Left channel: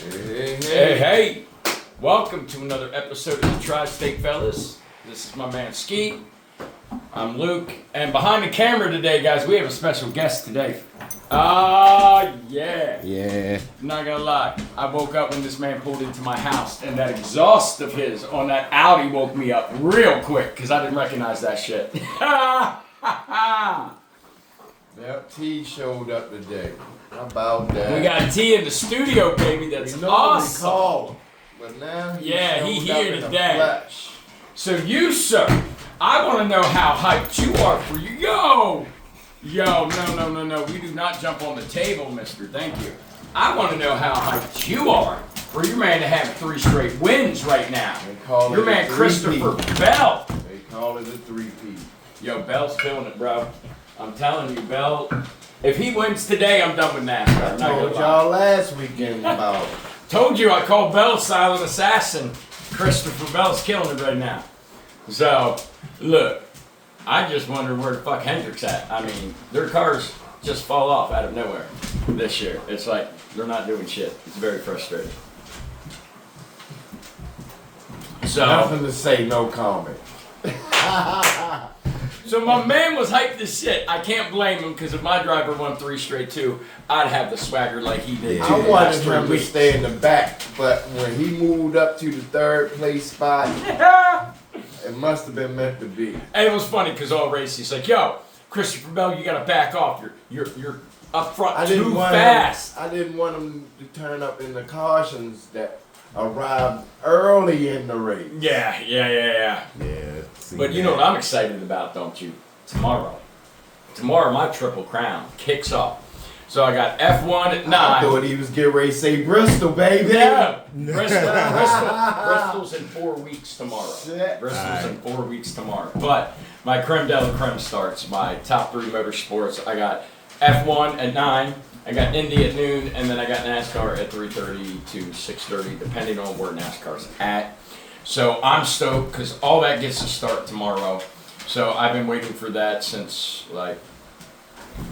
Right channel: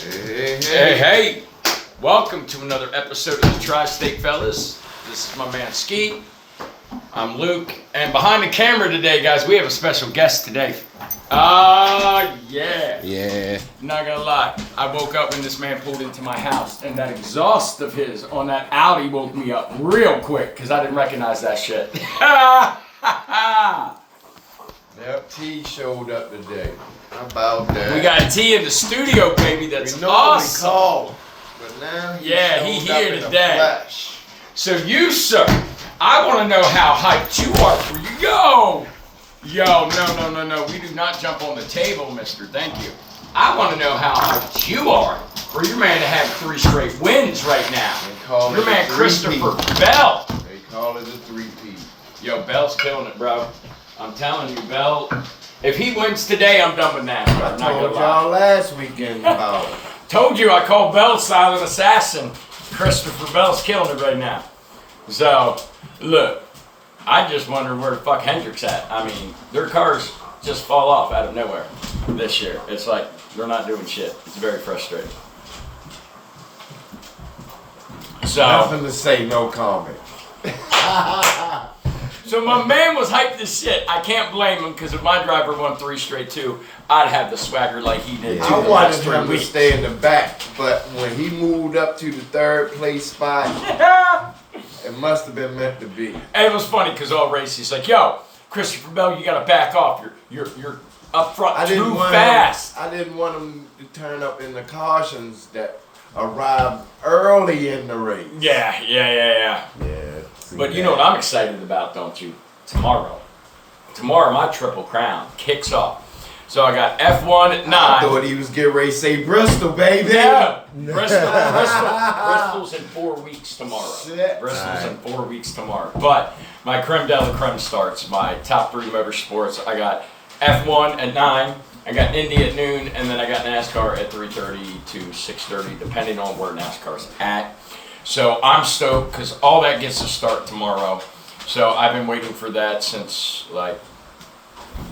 Hey, welcome to another episode of the Tri-State Fellas. This is my man Ski. I'm Luke, and behind the camera today, guys, we have a special guest today. Yeah. Not gonna lie, I woke up when this man pulled into my house, and that exhaust of his on that Audi woke me up real quick, because I didn't recognize that shit. Yep, T showed up today. How about that? We got T in the studio, baby. That's we normally awesome. call, but now he he showed up here in the today. flesh. So you, sir, I want to know how hyped you are for you. Yo, no. We do not jump on the table, mister. Thank you. I want to know how hyped you are for your man to have 3 straight wins right now. Your man Christopher Bell. They call it a 3-peat. Yo, Bell's killing it, bro. I'm telling you, Bell. If he wins today, I'm done with NASCAR. I told y'all last weekend about it. Told you I called Bell Silent Assassin. Christopher Bell's killing it right now. So, look, I just wonder where the fuck Hendrick's at. I mean, their cars just fall off out of nowhere this year. It's like they're not doing shit. It's very frustrating. So, Nothing to say, no comment. So my man was hyped as shit. I can't blame him because if my driver won 3 straight too, I'd have the swagger like he did. I wanted him to stay in the back, but when he moved up to the 3rd place spot, it must have been meant to be. And it was funny because all race he's like, "Yo, Christopher Bell, you gotta back off. You're up front too fast." I didn't want him to turn up in the cautions that arrived early in the race. Yeah. Yeah. But you know what I'm excited about, don't you? Tomorrow, my Triple Crown kicks off. So I got F1 at 9. I thought he was getting ready to say Bristol, baby. Yeah, Bristol's in 4 weeks tomorrow. Shit. Bristol's in 4 weeks tomorrow. But my creme de la creme starts. My top 3 motorsports. I got F1 at 9. I got Indy at noon, and then I got NASCAR at 3:30 to 6:30, depending on where NASCAR's at. So I'm stoked because all that gets to start tomorrow. So I've been waiting for that since like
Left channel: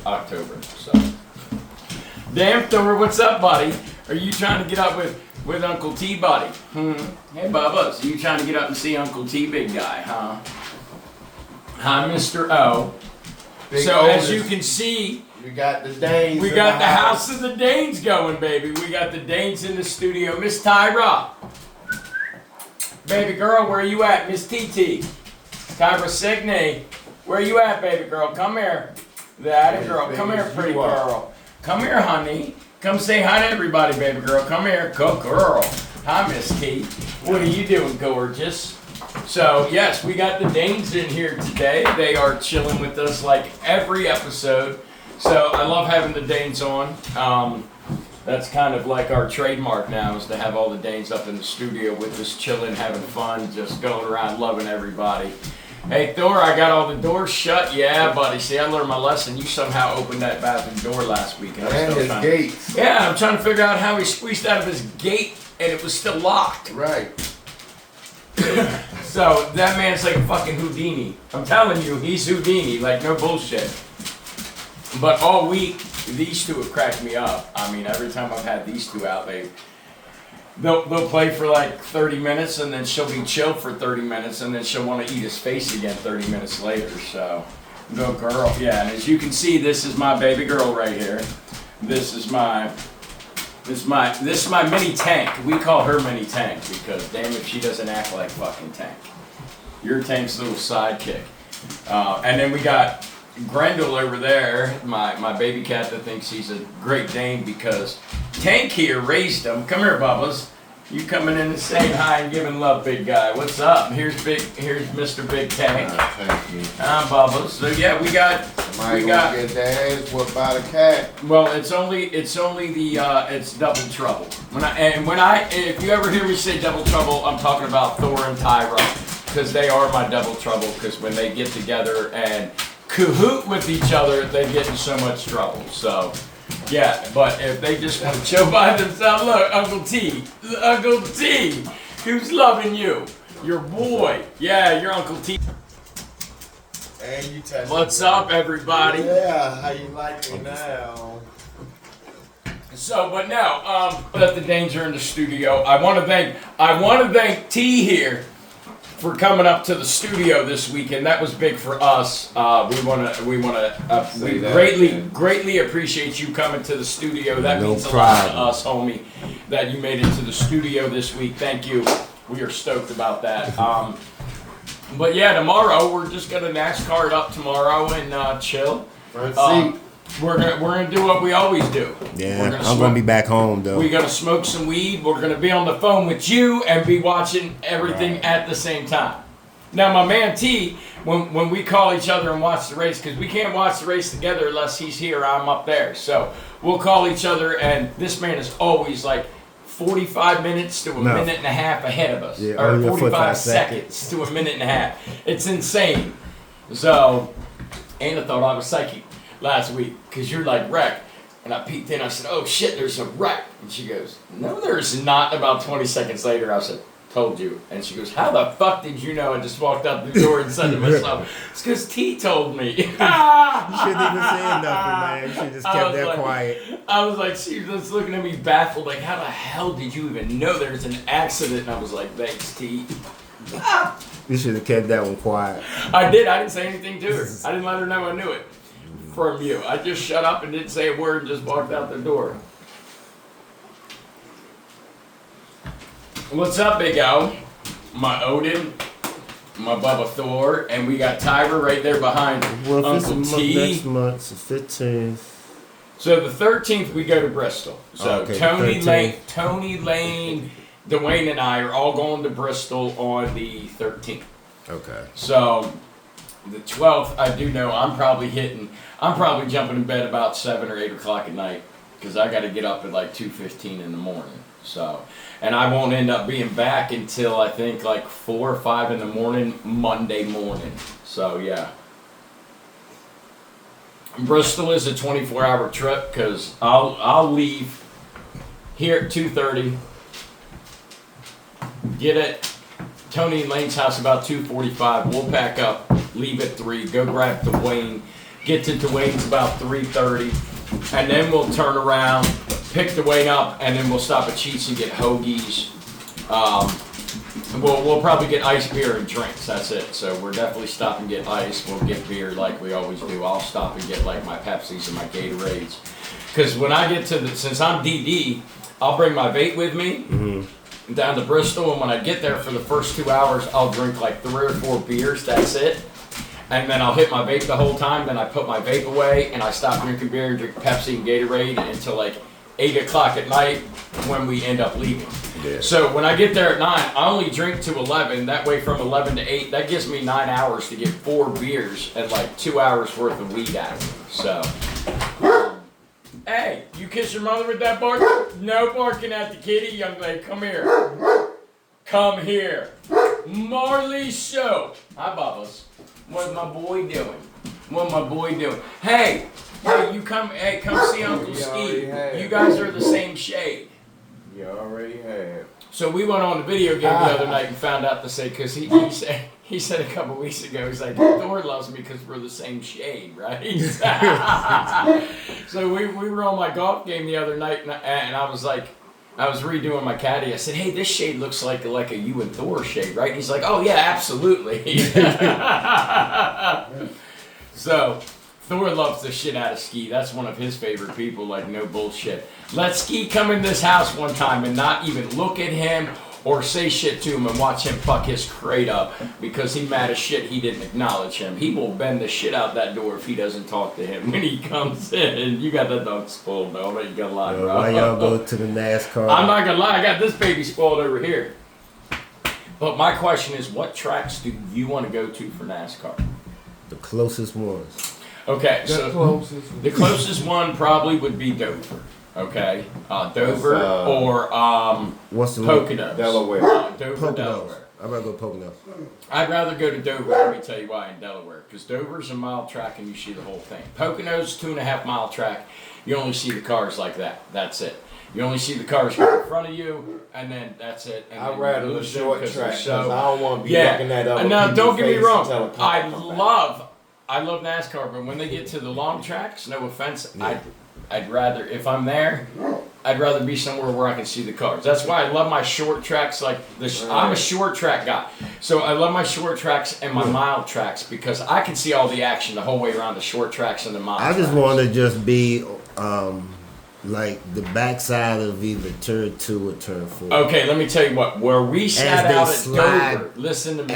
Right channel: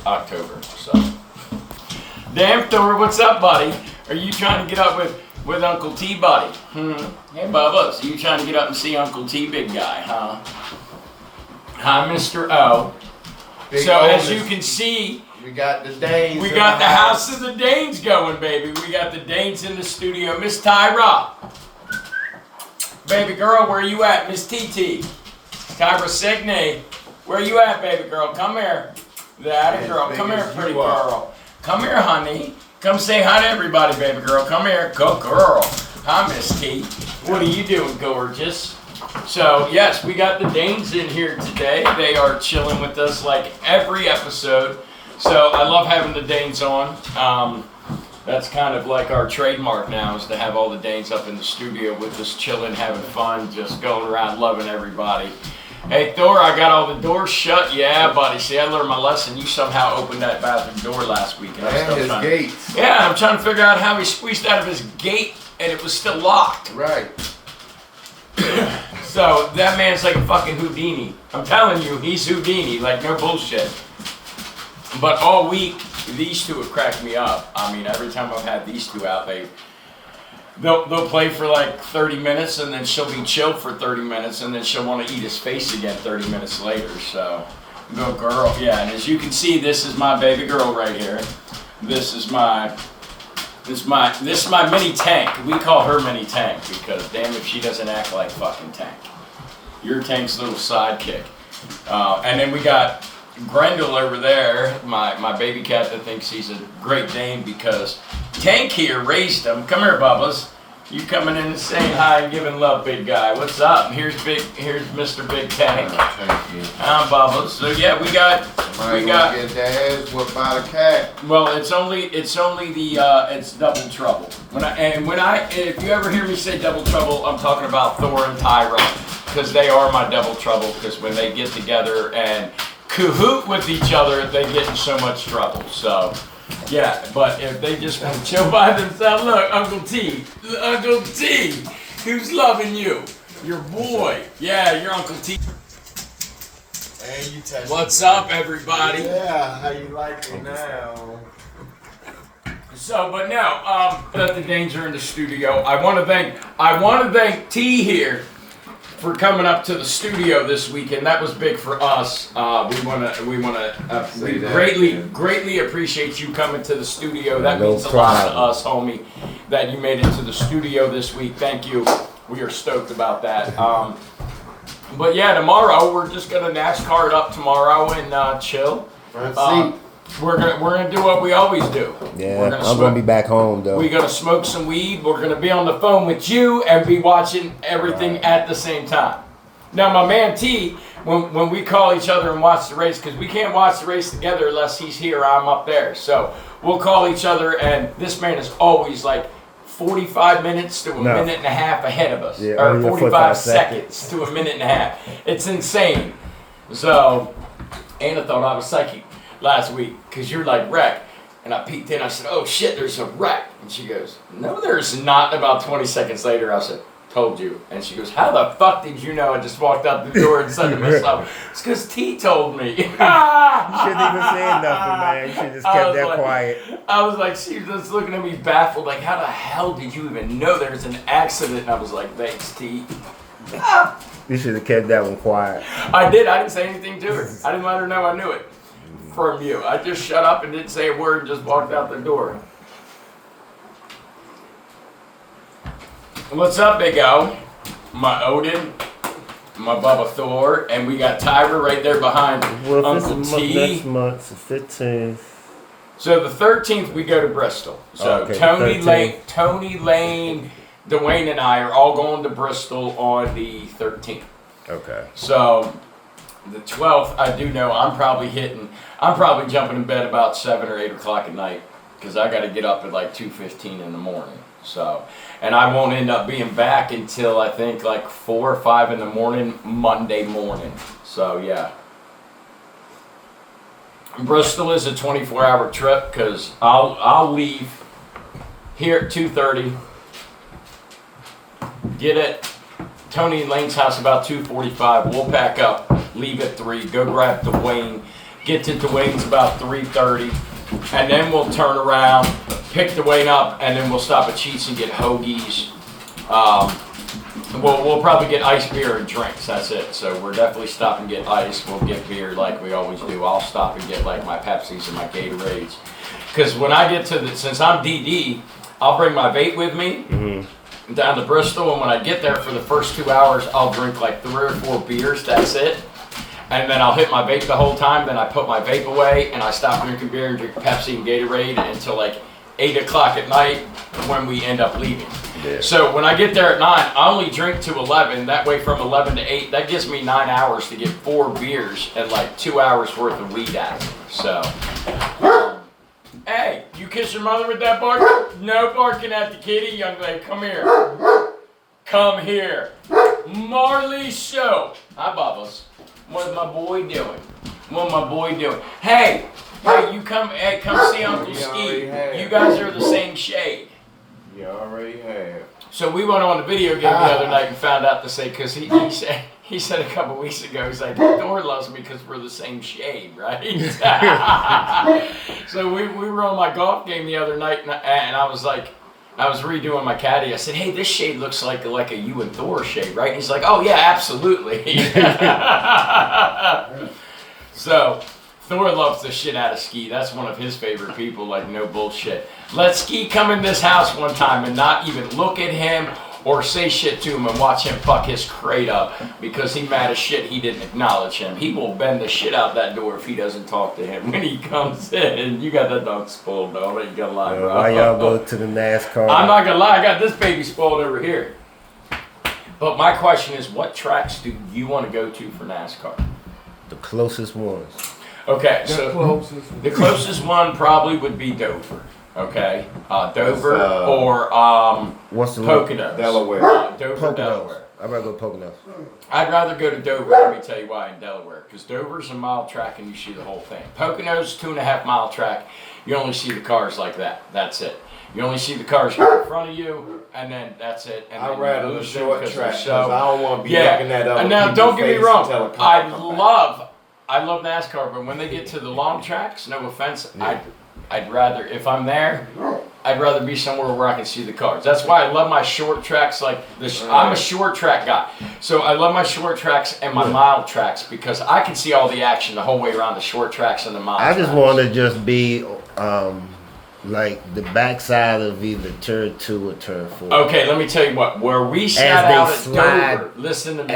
October. So, damn Thor, what's up, buddy? Are you trying to get up with Uncle T, buddy? Hey, Bubba, so you trying to get up and see Uncle T, big guy, huh? Hi, Mr. O. Big So oldest. as you can see, We got the Danes. we got the house of the Danes going, baby. We got the Danes in the studio. Miss Tyra. Baby girl, where you at? Miss TT. Tyra Signey. Where you at, baby girl? Come here. That girl. Come here, pretty girl. Come here, honey. Come say hi to everybody, baby girl. Come here. Go, girl. Hi, Miss T. What are you doing, gorgeous? So, yes, we got the Danes in here today. They are chilling with us like every episode. So, I love having the Danes on. That's kind of like our trademark now, is to have all the Danes up in the studio with us chilling, having fun, just going around loving everybody. Hey, Thor, I got all the doors shut. Yeah, buddy. See, I learned my lesson. You somehow opened that bathroom door last week. And his gates. Yeah, I'm trying to figure out how he squeezed out of his gate and it was still locked. Right. So, that man's like a fucking Houdini. I'm telling you, he's Houdini, like no bullshit. But all week, these two have cracked me up. I mean, every time I've had these two out, they'll play for like 30 minutes, and then she'll be chilled for 30 minutes, and then she'll want to eat his face again 30 minutes later. So, go girl. Yeah, and as you can see, this is my baby girl right here. This is my mini tank. We call her mini tank because damn if she doesn't act like fucking Tank. Your Tank's little sidekick. And then we got Grendel over there, my baby cat that thinks he's a Great Dane because Tank here raised him. Come here, Bubba's. You coming in and saying hi and giving love, big guy. What's up? Here's Mr. Big Tank. Thank you. I'm Bubba's. So yeah, we got. Get their ass whooped by the cat. Well, it's double trouble. If you ever hear me say double trouble, I'm talking about Thor and Tyra because they are my double trouble. Because when they get together and cahoot with each other, they get in so much trouble. So, yeah, but if they just want to chill by themselves, look, Uncle T, who's loving you? Your boy. Yeah, your Uncle T. And you touch What's up, everybody? Yeah, how you like me now? So, but no, that the Danes are in the studio. I want to thank T here for coming up to the studio this weekend. That was big for us. We greatly appreciate you coming to the studio. That means a lot to us, homie, that you made it to the studio this week. Thank you. We are stoked about that. But yeah, tomorrow we're just gonna NASCAR it up tomorrow and chill. Front seat. We're gonna do what we always do. Yeah, I'm gonna be back home though. We're gonna smoke some weed. We're gonna be on the phone with you and be watching everything at the same time. Now, my man T, when we call each other and watch the race, because we can't watch the race together unless he's here, I'm up there. So we'll call each other, and this man is always like 45 minutes to a minute and a half ahead of us, or 45 seconds to a minute and a half. It's insane. So Anna thought I was psychic last week because you're like wreck, and I peeked in. I said, "Oh shit, there's a wreck," and she goes, "No, there's not." About 20 seconds later, I said, "Told you," and she goes, "How the fuck did you know?" I just walked out the door and said to myself, "It's because T told me." You shouldn't even say nothing, man. You should just kept that quiet. I was like, she was just looking at me baffled, like, "How the hell did you even know there's an accident?" And I was like, "Thanks, T." You should have kept that one quiet. I did. I didn't say anything to her. I didn't let her know I knew it from you. I just shut up and didn't say a word and just walked out the door. What's up, Big O? My Odin, my Bubba Thor, and we got Tyra right there behind Uncle T. Next month, the 15th. So the 13th we go to Bristol. So Okay, Tony Lane, Dwayne, and I are all going to Bristol on the 13th. Okay. So the 12th, I do know I'm probably jumping in bed about 7 or 8 o'clock at night because I got to get up at like 2:15 in the morning. So, and I won't end up being back until I think like 4 or 5 in the morning, Monday morning. So yeah. Bristol is a 24-hour trip because I'll leave here at 2:30. Get at Tony and Lane's house about 2:45. We'll pack up, leave at 3, go grab Dwayne, get to Dwayne's about 3:30, and then we'll turn around, pick Dwayne up, and then we'll stop at Cheats and get hoagies. We'll probably get ice beer and drinks. That's it. So we're definitely stopping and get ice. We'll get beer like we always do. I'll stop and get like my Pepsis and my Gatorades. Because when I get to since I'm DD, I'll bring my vape with me down to Bristol, and when I get there for the first 2 hours, I'll drink like 3 or 4 beers. That's it. And then I'll hit my vape the whole time. Then I put my vape away, and I stop drinking beer and drink Pepsi and Gatorade until like 8 o'clock at night when we end up leaving. Yeah. So when I get there at 9, I only drink to 11. That way from 11 to 8, that gives me 9 hours to get 4 beers and like 2 hours worth of weed out of me. So, hey, you kiss your mother with that bark? No barking at the kitty, young lady. Come here. Come here. Marley Show. Hi, Bubbles. What's my boy doing? What my boy doing? Hey, you come see Uncle Ski. You guys are the same shade. You already have. So we went on a video game the other night and found out to say, because he said a couple weeks ago, he's like, Thor loves me because we're the same shade, right? So we were on my golf game the other night, and I was like, I was redoing my caddy. I said, hey, this shade looks like a you and Thor shade, right? And he's like, oh yeah, absolutely. So Thor loves the shit out of Ski. That's one of his favorite people, like no bullshit. Let Ski come in this house one time and not even look at him or say shit to him and watch him fuck his crate up because he mad as shit he didn't acknowledge him. He will bend the shit out that door if he doesn't talk to him when he comes in. You got that dog spoiled, though. You gotta lie, bro. Why y'all go to the NASCAR? I'm not gonna lie, I got this baby spoiled over here. But my question is, what tracks do you want to go to for NASCAR? The closest ones. Okay, so the closest one probably would be Dover. Okay, Dover or What's the Poconos. Delaware. Dover, Poconos. Delaware. I'd rather go Poconos. I'd rather go to Dover. Let me tell you why in Delaware, because Dover's a mile track and you see the whole thing. Poconos 2.5 mile track. You only see the cars like that. That's it. You only see the cars in front of you, and then that's it. And I'd rather the short track because so, I don't want to be looking at other now, people's don't get me face wrong. until a car come I love NASCAR, but when they get to the long tracks, no offense, I'd rather, if I'm there, I'd rather be somewhere where I can see the cars. That's why I love my short tracks. Like this, I'm a short track guy, so I love my short tracks and my mile tracks because I can see all the action the whole way around the short tracks and the mile. I just tracks. want to just be like the backside of either turn 2 or turn 4. Okay, let me tell you what. Where we sat they out at slide, Dover, listen to me.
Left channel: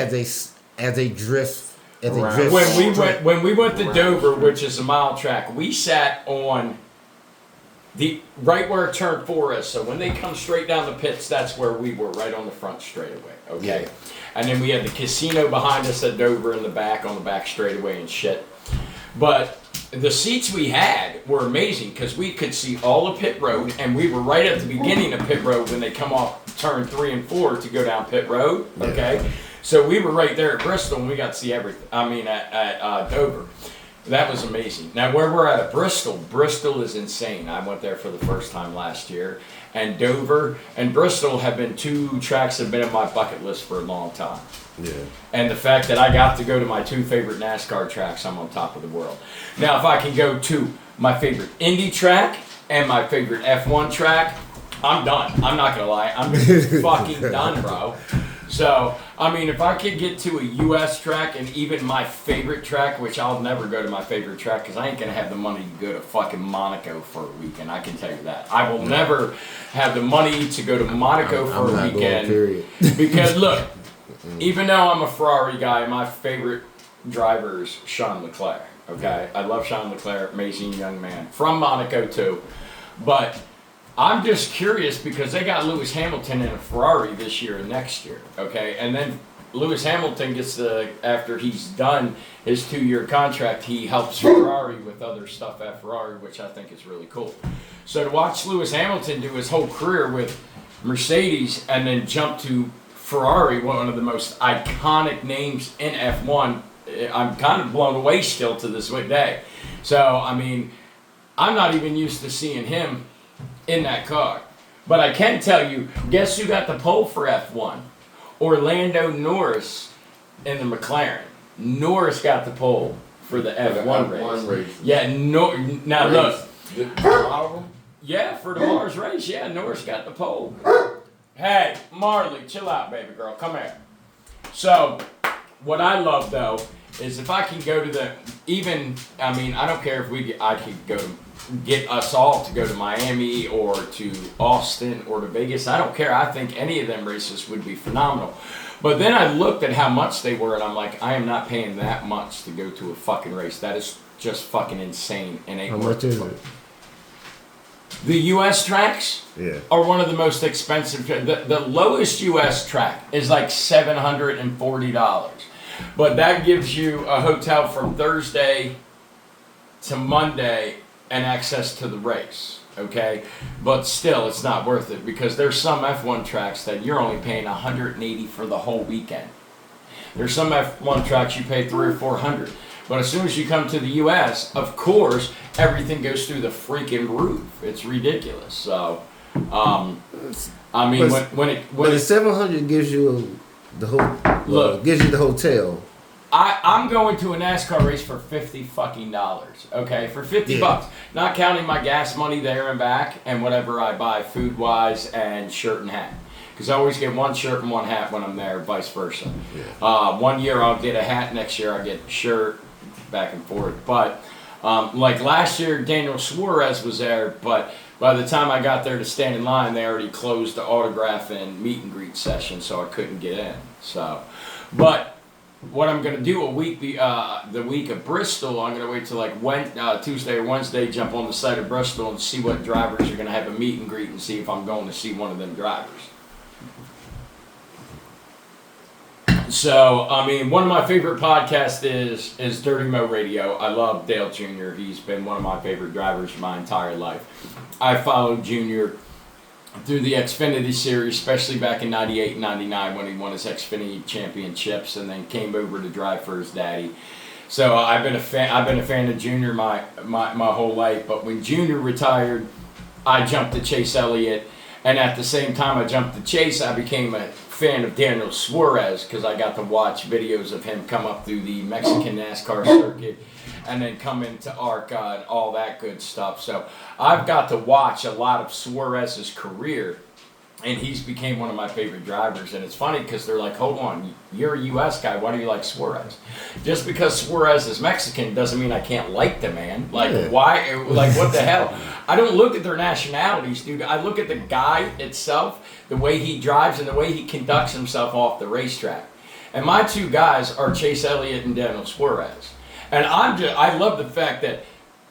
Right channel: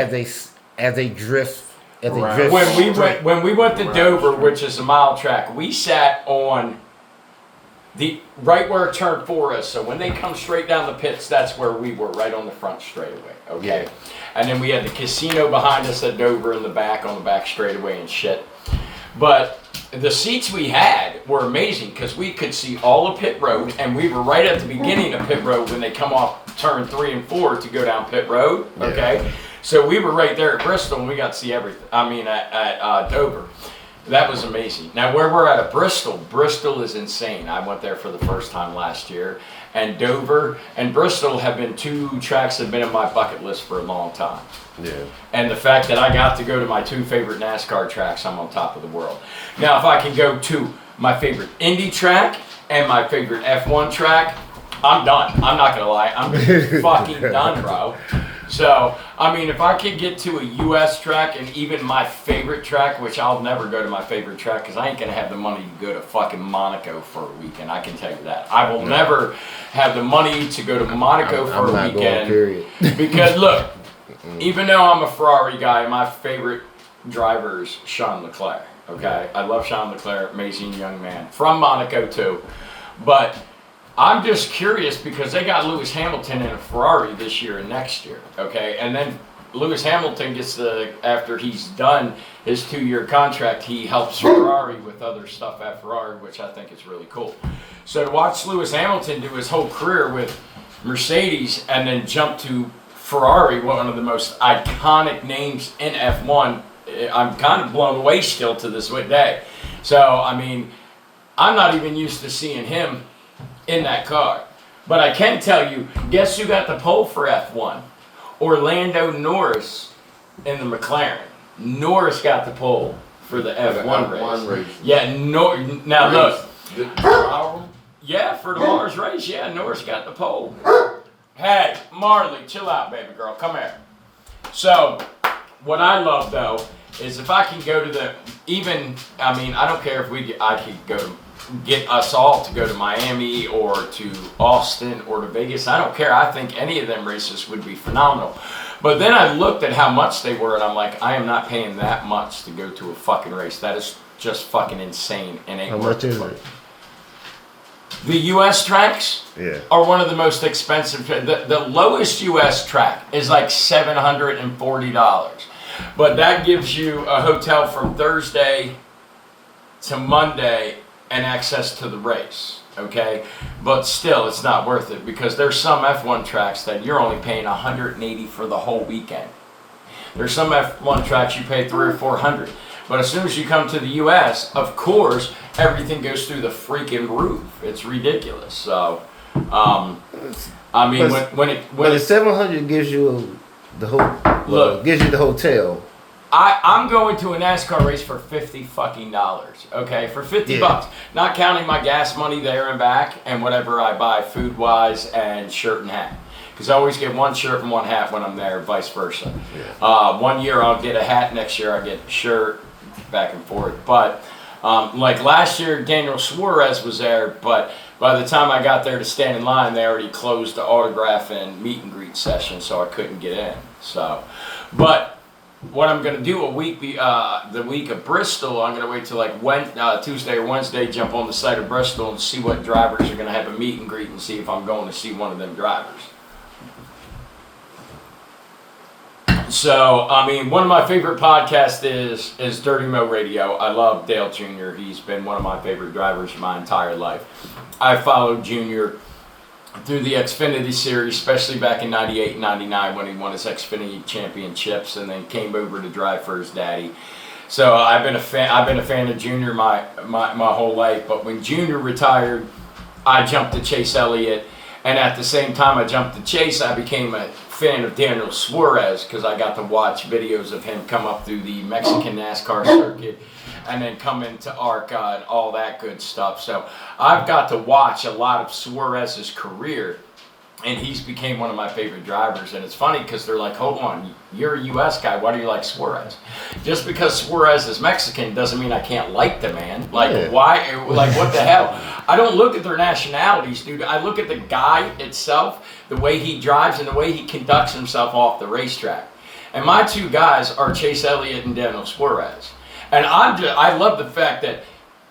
As they drift. When we went to Dover, which is a mile track, we sat on the right where turn 4 is. So when they come straight down the pits, that's where we were, right on the front straightaway. Okay, Yeah. and then we had the casino behind us at Dover in the back on the back straightaway and shit. But the seats we had were amazing because we could see all of pit road, and we were right at the beginning of pit road when they come off turn 3 and 4 to go down pit road. Okay. Yeah. So we were right there at Bristol and we got to see everything. I mean, at Dover. That was amazing. Now, where we're at Bristol, Bristol is insane. I went there for the first time last year. And Dover and Bristol have been 2 tracks that have been on my bucket list for a long time. Yeah. And the fact that I got to go to my 2 favorite NASCAR tracks, I'm on top of the world. Now, if I can go to my favorite Indy track and my favorite F1 track, I'm done. I'm not going to lie. I'm fucking done, bro. So, I mean, if I could get to a U.S. track and even my favorite track, which I'll never go to my favorite track because I ain't going to have the money to go to fucking Monaco for a weekend. I can tell you that. I will never have the money to go to Monaco for a weekend. Period. Because, look, even though I'm a Ferrari guy, my favorite driver is Charles Leclerc. Okay? I love Charles Leclerc, amazing young man. From Monaco, too. But I'm just curious because they got Lewis Hamilton in a Ferrari this year and next year, okay? And then Lewis Hamilton gets after he's done his 2-year contract, he helps Ferrari with other stuff at Ferrari, which I think is really cool. So to watch Lewis Hamilton do his whole career with Mercedes and then jump to Ferrari, one of the most iconic names in F1, I'm kind of blown away still to this day. So, I mean, I'm not even used to seeing him in that car. But I can tell you, guess who got the pole for F1? Orlando Norris in the McLaren. Norris got the pole for the F1 race. Yeah, now look. Yeah, for the Mars race, yeah, Norris got the pole. Hey, Marley, chill out, baby girl, come here. So, what I love though, is if I can go to I don't care if I could go to get us all to go to Miami or to Austin or to Vegas. I don't care. I think any of them races would be phenomenal. But then I looked at how much they were and I'm like, I am not paying that much to go to a fucking race. That is just fucking insane and ain't How worth much it. is it? The U.S. tracks Yeah. are one of the most expensive. The lowest U.S. track is like $740. But that gives you a hotel from Thursday to Monday and access to the race, okay? But still, it's not worth it because there's some F1 tracks that you're only paying $180 for the whole weekend. There's some F1 tracks you pay $300 or $400. But as soon as you come to the U.S., of course, everything goes through the freaking roof. It's ridiculous. So, I mean, when the 700 gives you gives you the hotel. I'm going to a NASCAR race for $50 fucking dollars, okay? For $50 bucks, not counting my gas money there and back and whatever I buy food wise and shirt and hat. Because I always get one shirt and one hat when I'm there, vice versa. Yeah. 1 year I'll get a hat, next year I get a shirt, back and forth. But like last year, Daniel Suarez was there, but by the time I got there to stand in line, they already closed the autograph and meet and greet session, so I couldn't get in. So, but what I'm going to do the week of Bristol, I'm going to wait till like Tuesday or Wednesday, jump on the site of Bristol and see what drivers are going to have a meet and greet and see if I'm going to see one of them drivers. So, I mean, one of my favorite podcasts is Dirty Mo Radio. I love Dale Jr. He's been one of my favorite drivers my entire life. I followed Jr. through the Xfinity Series, especially back in 98 and 99 when he won his Xfinity championships and then came over to drive for his daddy. So I've been a fan of Junior my whole life, but when Junior retired, I jumped to Chase Elliott And at the same time I jumped to chase, I became a fan of Daniel Suarez because I got to watch videos of him come up through the Mexican NASCAR circuit and then come into ARCA and all that good stuff. So I've got to watch a lot of Suarez's career, and he's became one of my favorite drivers. And it's funny because they're like, hold on, you're a U.S. guy, why do you like Suarez? Just because Suarez is Mexican doesn't mean I can't like the man. Like, why? Like, what the hell? I don't look at their nationalities, dude. I look at the guy itself, the way he drives and the way he conducts himself off the racetrack. And my two guys are Chase Elliott and Daniel Suarez. And I love the fact that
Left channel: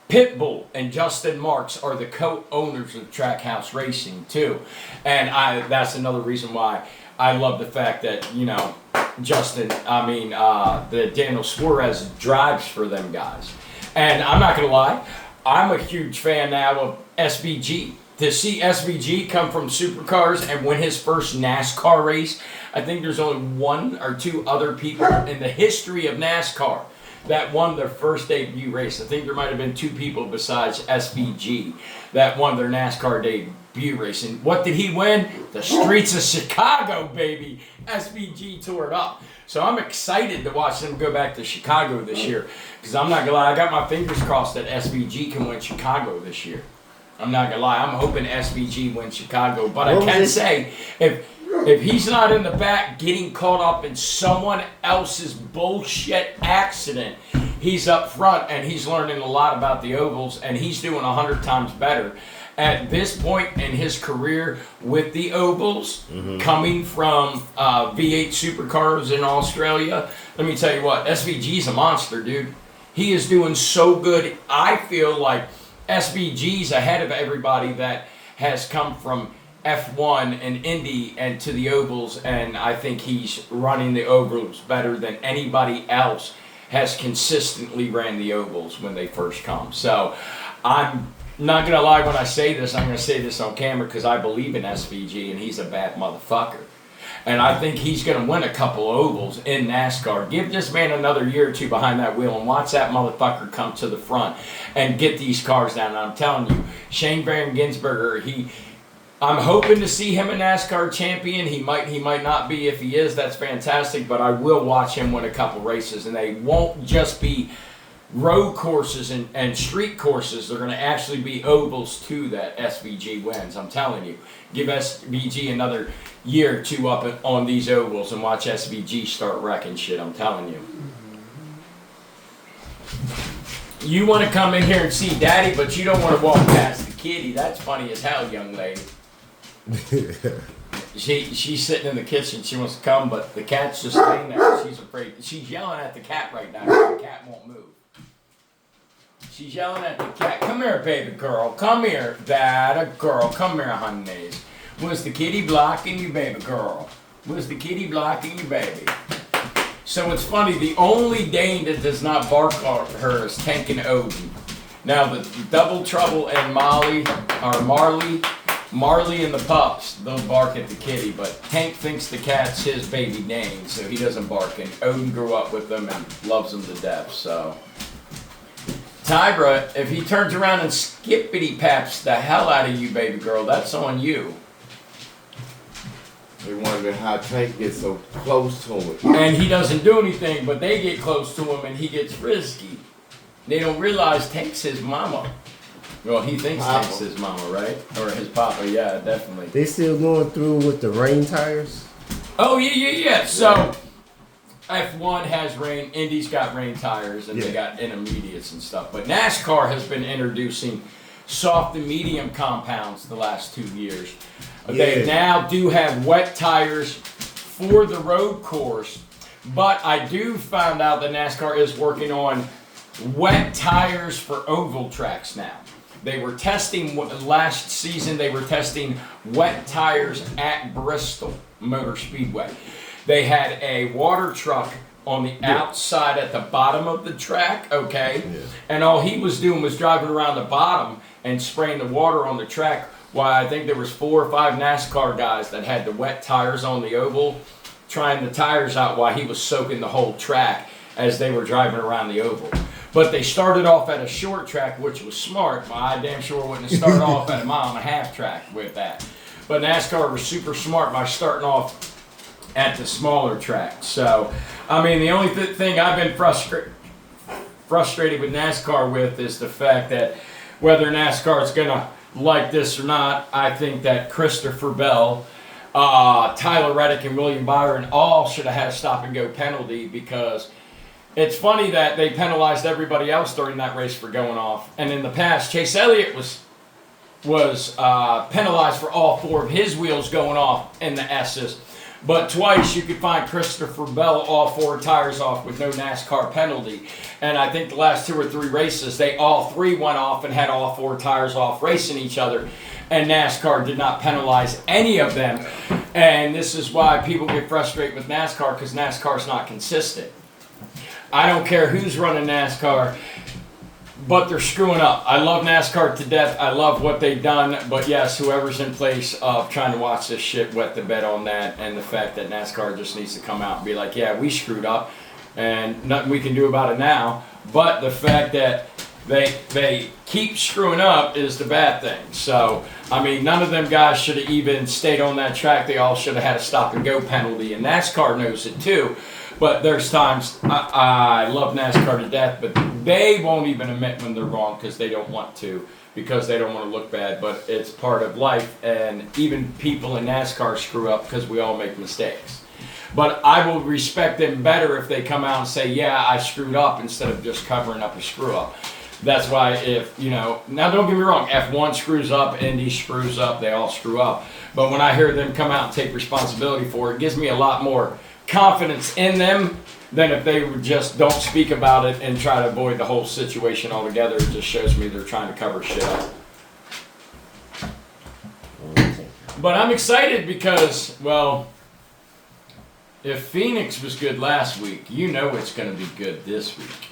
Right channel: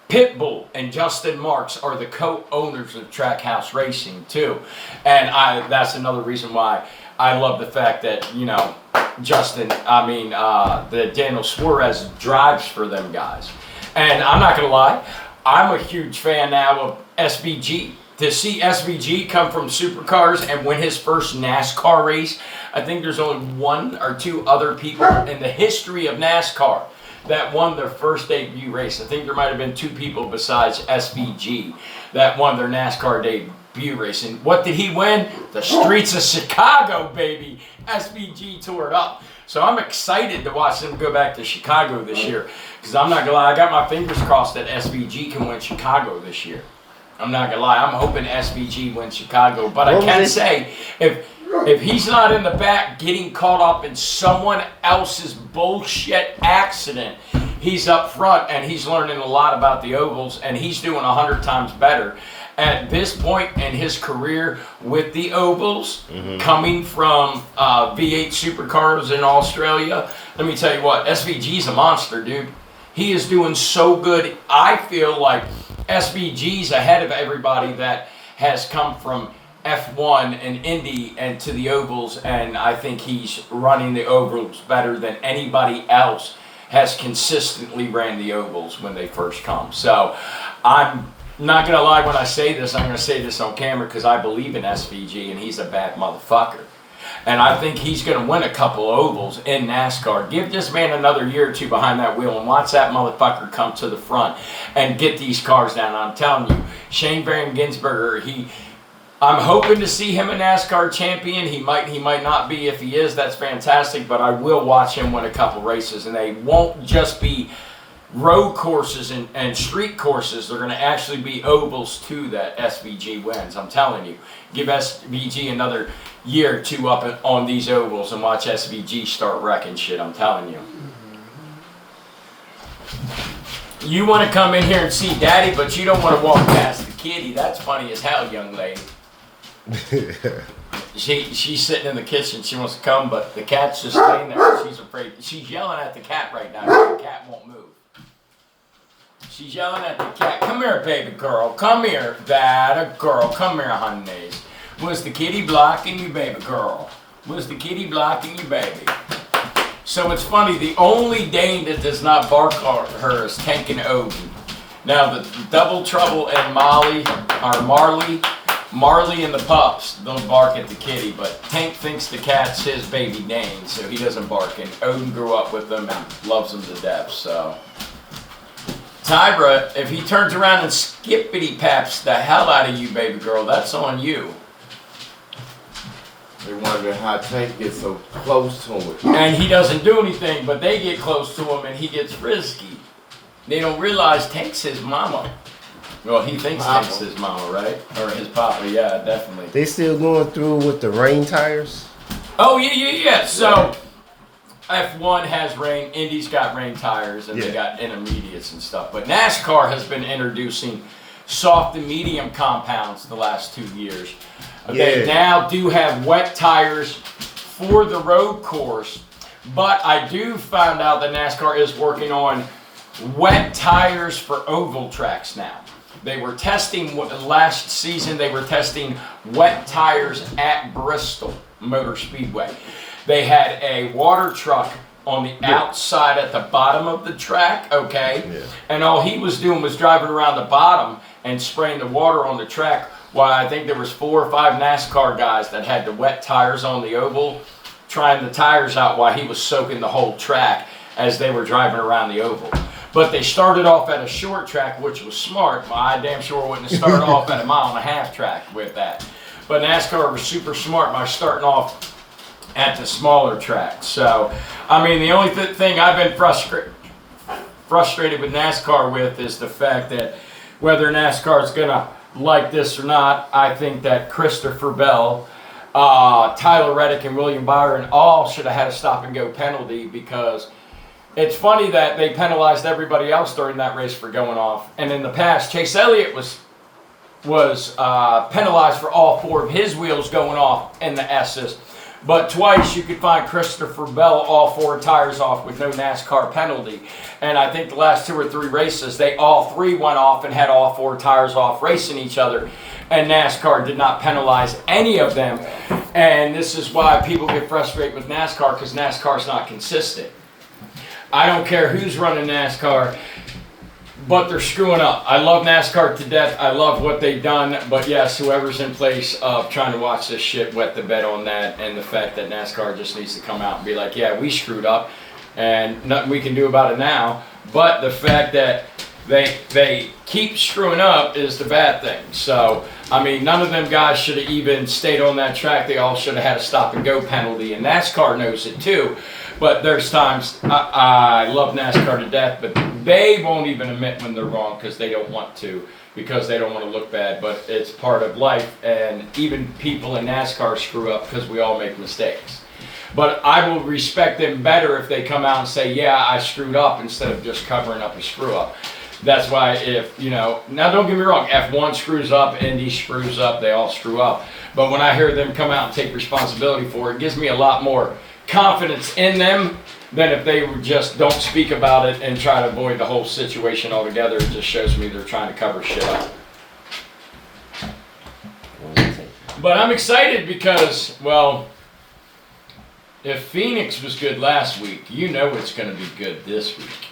Pitbull and Justin Marks are the co-owners of Trackhouse Racing too. And that's another reason why I love the fact that, you know, that Daniel Suarez drives for them guys. And I'm not going to lie, I'm a huge fan now of SVG. To see SVG come from supercars and win his first NASCAR race, I think there's only one or two other people in the history of NASCAR that won their first debut race. I think there might have been two people besides SVG that won their NASCAR debut race. And what did he win? The streets of Chicago, baby. SVG tore it up. So I'm excited to watch them go back to Chicago this year. Because I'm not going to lie, I got my fingers crossed that SVG can win Chicago this year. I'm not going to lie, I'm hoping SVG wins Chicago. But I can say, if he's not in the back getting caught up in someone else's bullshit accident, he's up front and he's learning a lot about the ovals and he's doing 100 times better. At this point in his career with the ovals, coming from V8 supercars in Australia, let me tell you what, SVG's a monster, dude. He is doing so good. I feel like SVG's ahead of everybody that has come from F1 and Indy and to the ovals, and I think he's running the ovals better than anybody else has consistently ran the ovals when they first come. So I'm not going to lie when I say this. I'm going to say this on camera because I believe in SVG and he's a bad motherfucker. And I think he's going to win a couple ovals in NASCAR. Give this man another year or two behind that wheel and watch that motherfucker come to the front and get these cars down. I'm telling you, Shane Van Gisbergen, I'm hoping to see him a NASCAR champion. He might not be. If he is, that's fantastic. But I will watch him win a couple races. And they won't just be road courses and street courses. They're going to actually be ovals too that SVG wins. I'm telling you. Give SVG another year or two up on these ovals and watch SVG start wrecking shit. I'm telling you. You want to come in here and see Daddy, but you don't want to walk past the kitty. That's funny as hell, young lady. She's sitting in the kitchen. She wants to come, but the cat's just laying there. She's afraid. She's yelling at the cat right now. The cat won't move. She's yelling at the cat. Come here, baby girl. Come here, that a girl. Come here, honey. Was the kitty blocking you, baby girl? Was the kitty blocking you, baby? So it's funny. The only Dane that does not bark at her is Tank and Odin. Now the Double Trouble and Marley and the pups don't bark at the kitty, but Tank thinks the cat's his baby Dane, so he doesn't bark. And Odin grew up with them and loves them to death. So Tyra, if he turns around and skippity paps the hell out of you, baby girl, that's on you. They wonder how Tank gets so close to him. And he doesn't do anything, but they get close to him and he gets risky. They don't realize Tank's his mama. Well, he thinks Papa. Tank's his mama, right? Or his papa, yeah, definitely. They still going through with the rain tires? Oh, yeah. So, F1 has rain, Indy's got rain tires, and they got intermediates and stuff. But NASCAR has been introducing soft and medium compounds the last 2 years. They now do have wet tires for the road course, but I do find out that NASCAR is working on wet tires for oval tracks now. They were testing, last season they were testing wet tires at Bristol Motor Speedway. They had a water truck on the outside at the bottom of the track, okay? And all he was doing was driving around the bottom and spraying the water on the track, while I think there was 4 or 5 NASCAR guys that had the wet tires on the oval, trying the tires out while he was soaking the whole track as they were driving around the oval. But they started off at a short track, which was smart. I damn sure wouldn't have started off at a 1.5 mile track with that. but NASCAR was super smart by starting off at the smaller tracks. So, I mean, the only thing I've been frustrated with NASCAR with is the fact that whether NASCAR is going to like this or not, I think that Christopher Bell, Tyler Reddick, and William Byron all should have had a stop and go penalty, because it's funny that they penalized everybody else during that race for going off. And in the past, Chase Elliott was penalized for all 4 of his wheels going off in the S's. But twice you could find Christopher Bell all 4 tires off with no NASCAR penalty. And I think the last 2 or 3 races, they all 3 went off and had all 4 tires off racing each other. And NASCAR did not penalize any of them. And this is why people get frustrated with NASCAR, because NASCAR's not consistent. I don't care who's running NASCAR, but they're screwing up. I love NASCAR to death. I love what they've done. But yes, whoever's in place of trying to watch this shit wet the bed on that, and the fact that NASCAR just needs to come out and be like, yeah, we screwed up and nothing we can do about it now. But the fact that they keep screwing up is the bad thing. So, I mean, none of them guys should have even stayed on that track. They all should have had a stop and go penalty, and NASCAR knows it too. But there's times, I love NASCAR to death, but they won't even admit when they're wrong because they don't want to, because they don't want to look bad. But it's part of life, and even people in NASCAR screw up because we all make mistakes. But I will respect them better if they come out and say, yeah, I screwed up, instead of just covering up a screw up. That's why now don't get me wrong, F1 screws up, Indy screws up, they all screw up. But when I hear them come out and take responsibility for it, it gives me a lot more confidence in them than if they just don't speak about it and try to avoid the whole situation altogether. It just shows me they're trying to cover shit up. But I'm excited because, well, if Phoenix was good last week, you know it's going to be good this week.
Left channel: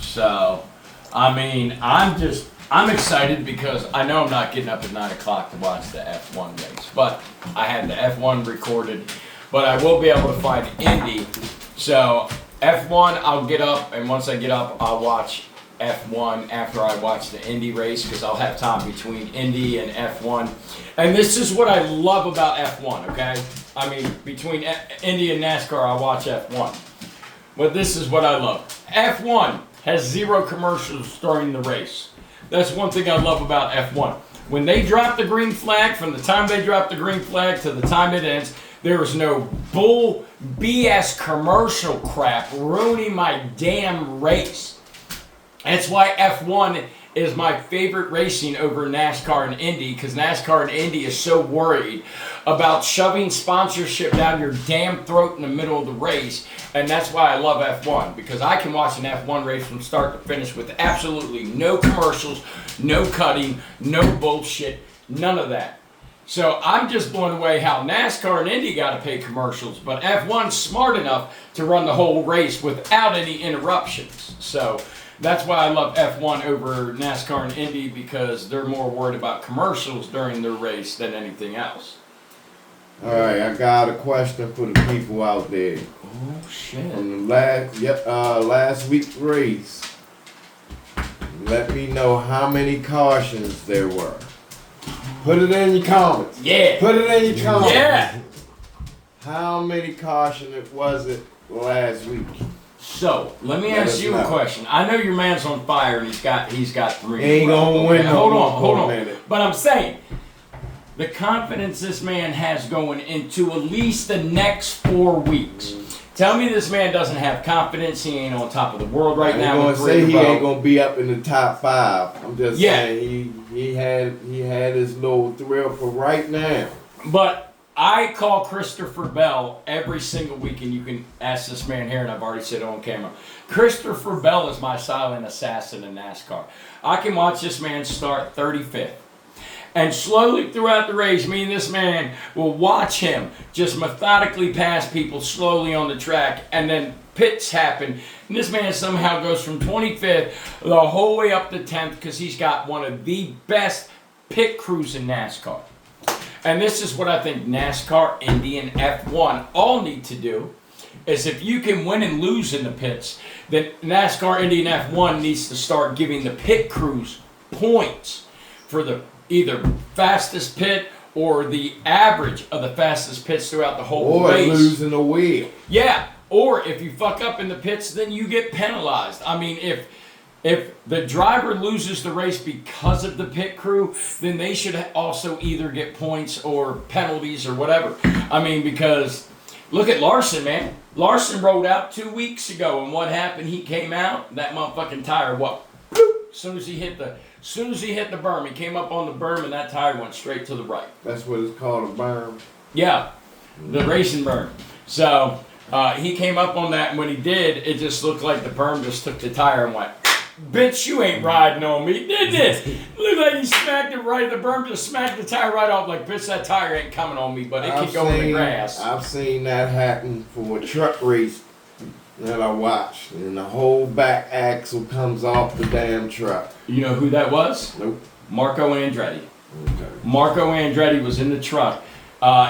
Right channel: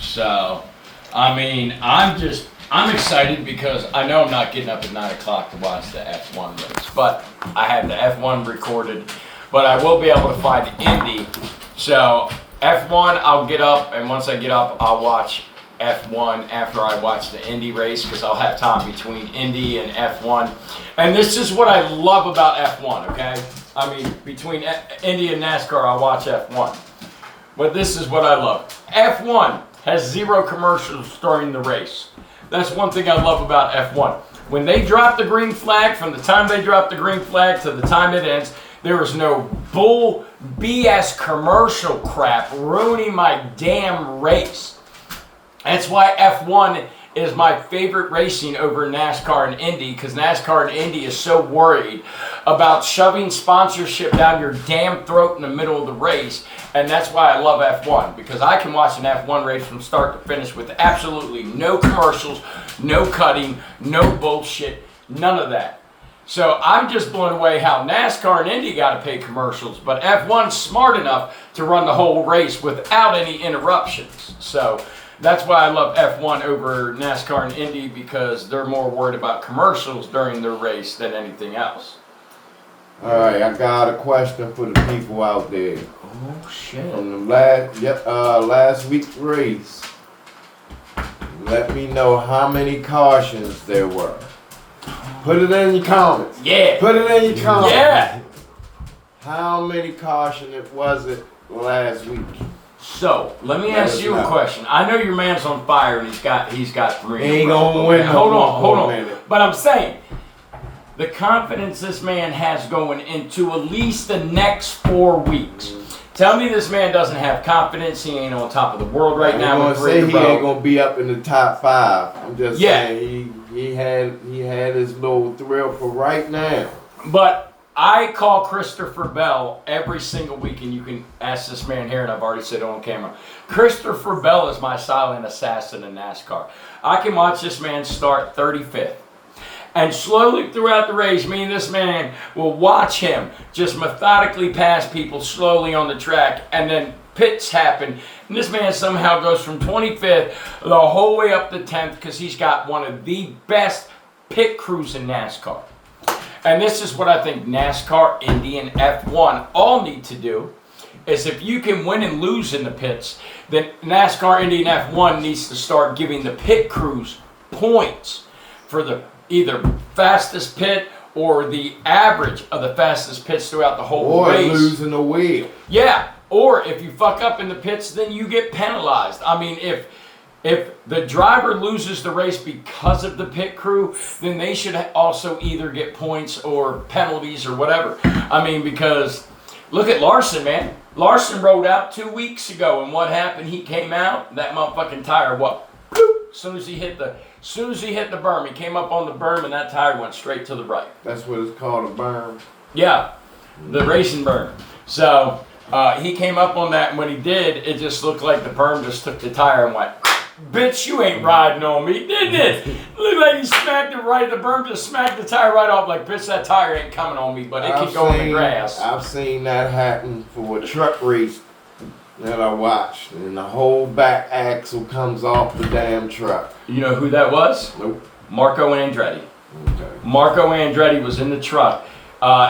So, I mean, I'm excited because I know I'm not getting up at 9 o'clock to watch the F1 race, but I had the F1 recorded, but I will be able to find Indy. So F1, I'll get up, and once I get up, I'll watch F1 after I watch the Indy race, because I'll have time between Indy and F1. And this is what I love about F1, okay? I mean, between Indy and NASCAR, I'll watch F1. But this is what I love. F1 has 0 commercials during the race. That's one thing I love about F1. When they drop the green flag, from the time they drop the green flag to the time it ends, there is no bull BS commercial crap ruining my damn race. That's why F1 is my favorite racing over NASCAR and Indy, because NASCAR and Indy is so worried about shoving sponsorship down your damn throat in the middle of the race. And that's why I love F1, because I can watch an F1 race from start to finish with absolutely no commercials, no cutting, no bullshit, none of that. So I'm just blown away how NASCAR and Indy got to pay commercials, but F1's smart enough to run the whole race without any interruptions. So that's why I love F1 over NASCAR and Indy, because they're more worried about commercials during their race than anything else. All right, I got a question for the people out there. Oh shit! From the last week's race, let me know how many cautions there were. Put it in your comments. Yeah. Put it in your comments. Yeah. How many cautions was it last week? So let me ask you a question. I know your man's on fire and he's got 3. He ain't gonna win. Hold on. But I'm saying, the confidence this man has going into at least the next 4 weeks. Tell me this man doesn't have confidence. He ain't on top of the world right now. I'm gonna say he ain't gonna be up in the top 5. I'm just saying he had his little thrill for right now. But I call Christopher Bell every single week, and you can ask this man here, and I've already said it on camera. Christopher Bell is my silent assassin in NASCAR. I can watch this man start 35th. And slowly throughout the race, me and this man will watch him just methodically pass people slowly on the track, and then pits happen. And this man somehow goes from 25th the whole way up to 10th, because he's got one of the best pit crews in NASCAR. And this is what I think NASCAR, Indy, and F1 all need to do, is if you can win and lose in the pits, then NASCAR, Indy, and F1 needs to start giving the pit crews points for the either fastest pit or the average of the fastest pits throughout the whole Or race. losing a wheel. Yeah, or if you fuck up in the pits, then you get penalized. I mean, if the driver loses the race because of the pit crew, then they should also either get points or penalties or whatever. I mean, because look at Larson, man. Larson rolled out 2 weeks ago, and what happened? He came out, that motherfucking tire, what? Bloop, as soon as he hit the berm, he came up on the berm, and that tire went straight to the right. That's what it's called, a berm. Yeah, the racing berm. So he came up on that, and when he did, it just looked like the berm just took the tire and went, bitch, you ain't riding on me, didn't it? Looked like he smacked it right, the berm just smacked the tire right off, like, bitch, that tire ain't coming on me, but it could go in the grass. I've seen that happen for a truck race that I watched, and the whole back axle comes off the damn truck. You know who that was? Nope. Marco Andretti. Okay. Marco Andretti was in the truck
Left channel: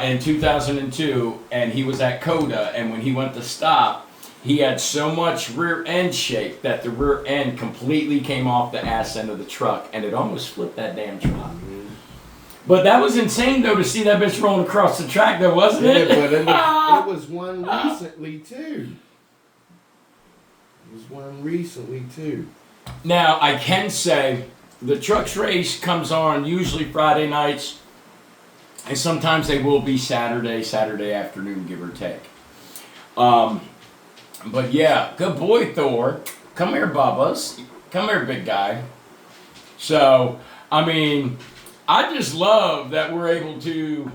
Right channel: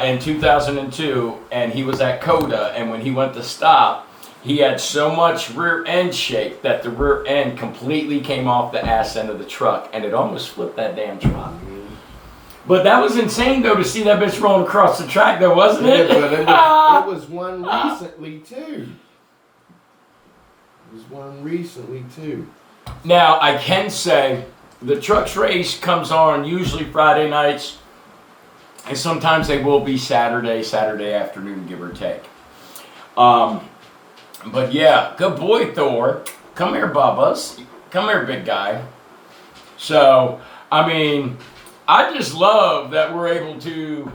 in 2002, and he was at Coda, and when he went to stop, he had so much rear end shake that the rear end completely came off the ass end of the truck, and it almost flipped that damn truck. But that was insane, though, to see that bitch rolling across the track, though, wasn't Yeah, it? but it was one recently, too. It was one recently, too. Now, I can say the trucks race comes on usually Friday nights, and sometimes they will be Saturday afternoon, give or take. But yeah, good boy, Thor. Come here, Bubbas. Come here, big guy. So, I mean, I just love that we're able to.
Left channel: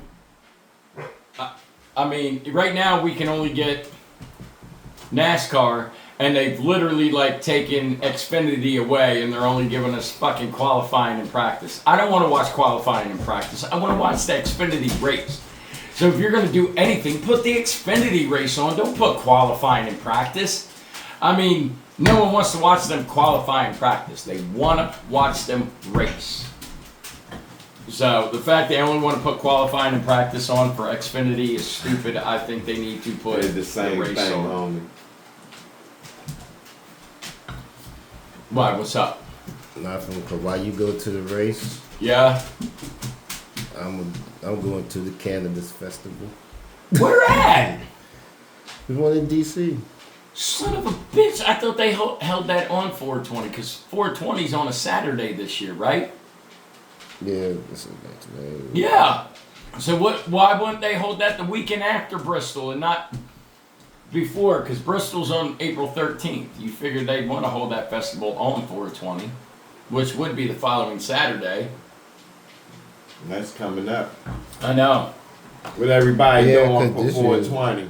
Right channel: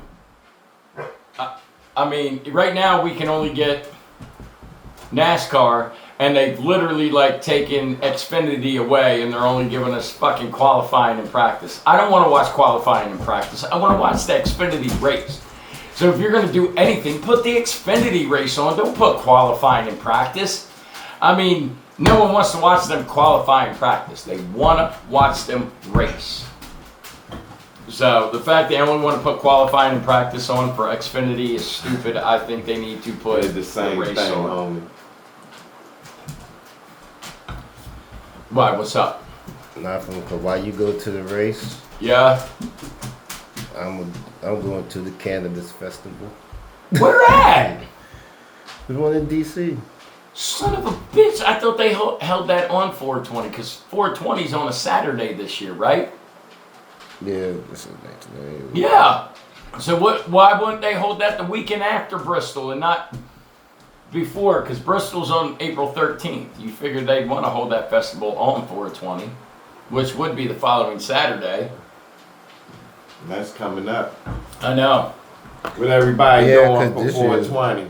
I mean, right now we can only get NASCAR, and they've literally like taken Xfinity away, and they're only giving us fucking qualifying and practice. I don't want to watch qualifying and practice. I want to watch the Xfinity race. So if you're going to do anything, put the Xfinity race on. Don't put qualifying and practice. I mean, no one wants to watch them qualify and practice. They want to watch them race. So the fact they only want to put qualifying and practice on for Xfinity is stupid. I think they need to put It's the same race thing, on. homie. Why? What's up? Nothing. Cause while you go to the race, Yeah. I'm going to the cannabis festival. Where at? There's one in DC. Son of a bitch! I thought they held that on 420 because 420 is on a Saturday this year, right? Yeah, this is next name. Yeah. So what? Why wouldn't they hold that the weekend after Bristol and not before? Because Bristol's on April 13th. You figured they'd want to hold that festival on 420, which would be the following Saturday. That's coming up. I know. What everybody Yeah, doing 'cause for this 420?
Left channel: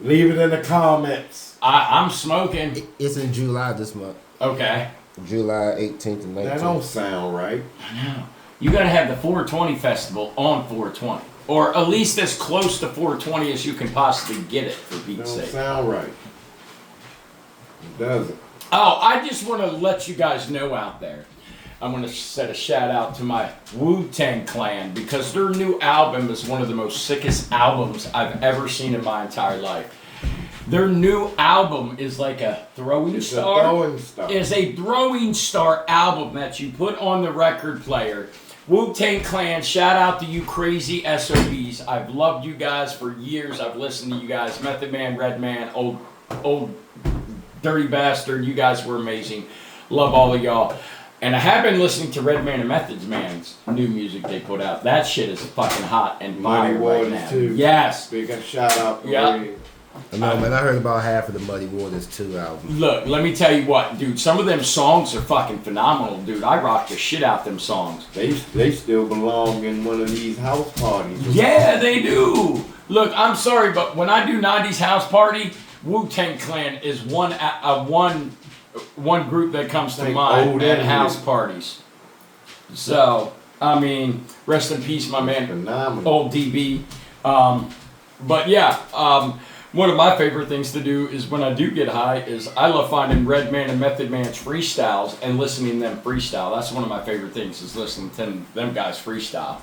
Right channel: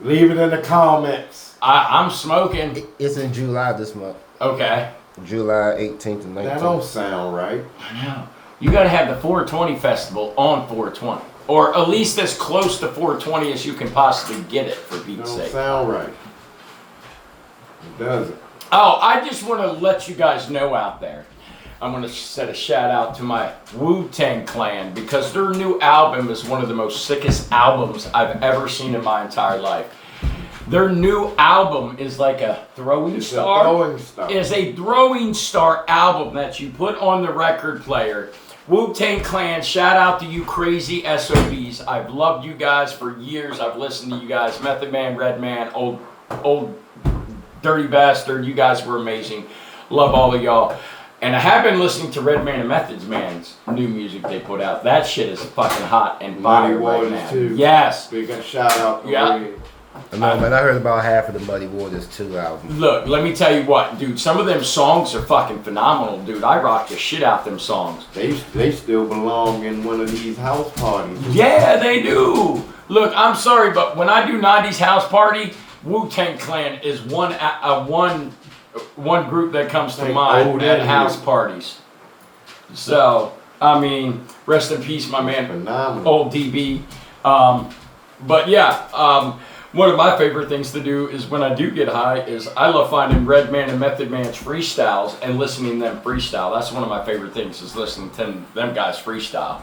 Leave it in the comments. I'm smoking. It's in July this month. Okay. July 18th and 19th. That don't sound right. I know. You got to have the 420 festival on 420, or at least as close to 420 as you can possibly get it. For Pete's Don't sake. sound right. It doesn't. Oh, I just want to let you guys know out there. I'm going to set a shout out to my Wu-Tang Clan because their new album is one of the most sickest albums I've ever seen in my entire life. Their new album is like a throwing It's a star. throwing star. Is a throwing star album that you put on the record player. Wu-Tang Clan, shout out to you crazy SOBs. I've loved you guys for years. I've listened to you guys. Method Man, Redman, old Dirty Bastard. You guys were amazing. Love all of y'all. And I have been listening to Redman and Methods Man's new music they put out. That shit is fucking hot and Muddy fire right Waters, now. too. Yes. Big shout out to Yeah. Red. I know, man. I heard about half of the Muddy Waters 2 album. Look, let me tell you what, dude. Some of them songs are fucking phenomenal, dude. I rock the shit out them songs. They still belong in one of these house parties. Yeah, they do. Look, I'm sorry, but when I do 90s house party, Wu-Tang Clan is one group that comes to Like mind old at and house new. parties. So, I mean, rest in peace, my man, Phenomenal. old DB. But yeah, one of my favorite things to do is when I do get high is I love finding Redman and Method Man's freestyles and listening to them freestyle. That's one of my favorite things is listening to them guys freestyle.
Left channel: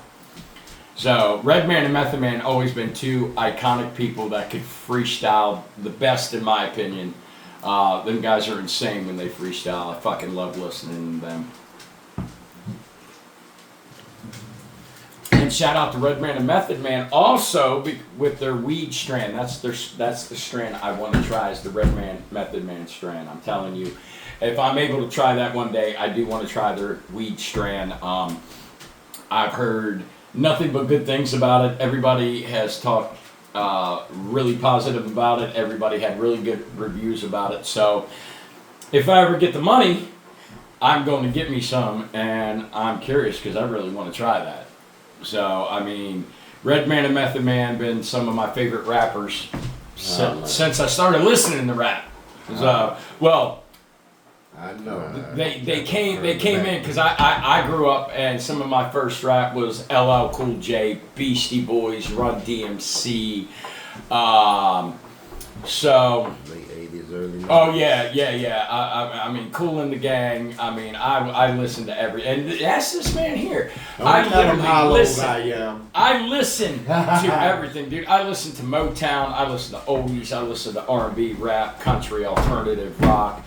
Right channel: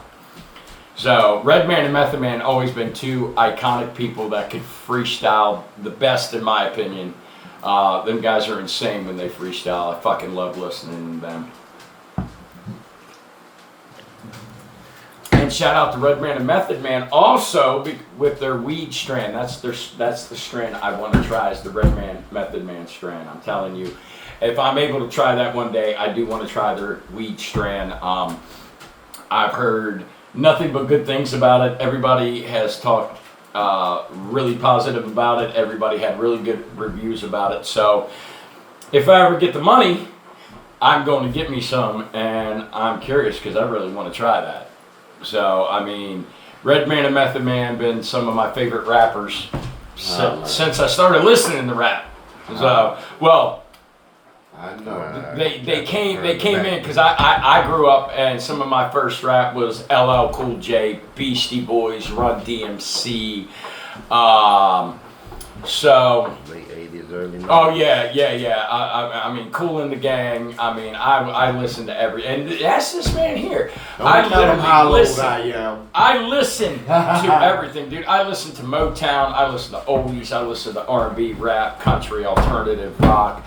So Redman and Method Man always been two iconic people that could freestyle the best in my opinion. Them guys are insane when they freestyle. I fucking love listening to them. And shout out to Redman and Method Man also with their weed strand. That's the strand I want to try is the Redman Method Man strand. I'm telling you, if I'm able to try that one day, I do want to try their weed strand. I've heard nothing but good things about it. Everybody has talked really positive about it. Everybody had really good reviews about it. So if I ever get the money, I'm going to get me some, and I'm curious because I really want to try that. So, I mean, Redman and Method Man been some of my favorite rappers since I started listening to rap. So, well, I know. they came in because I grew up and some of my first rap was LL Cool J, Beastie Boys, Run DMC. So Late 80s, early 90s. oh yeah. I mean, Cool in the Gang. I mean, I listen to and that's this man here. I Don't tell them how old listen. I am. I listen to everything, dude. I listen to Motown. I listen to oldies. I listen to R&B, rap, country, alternative, rock.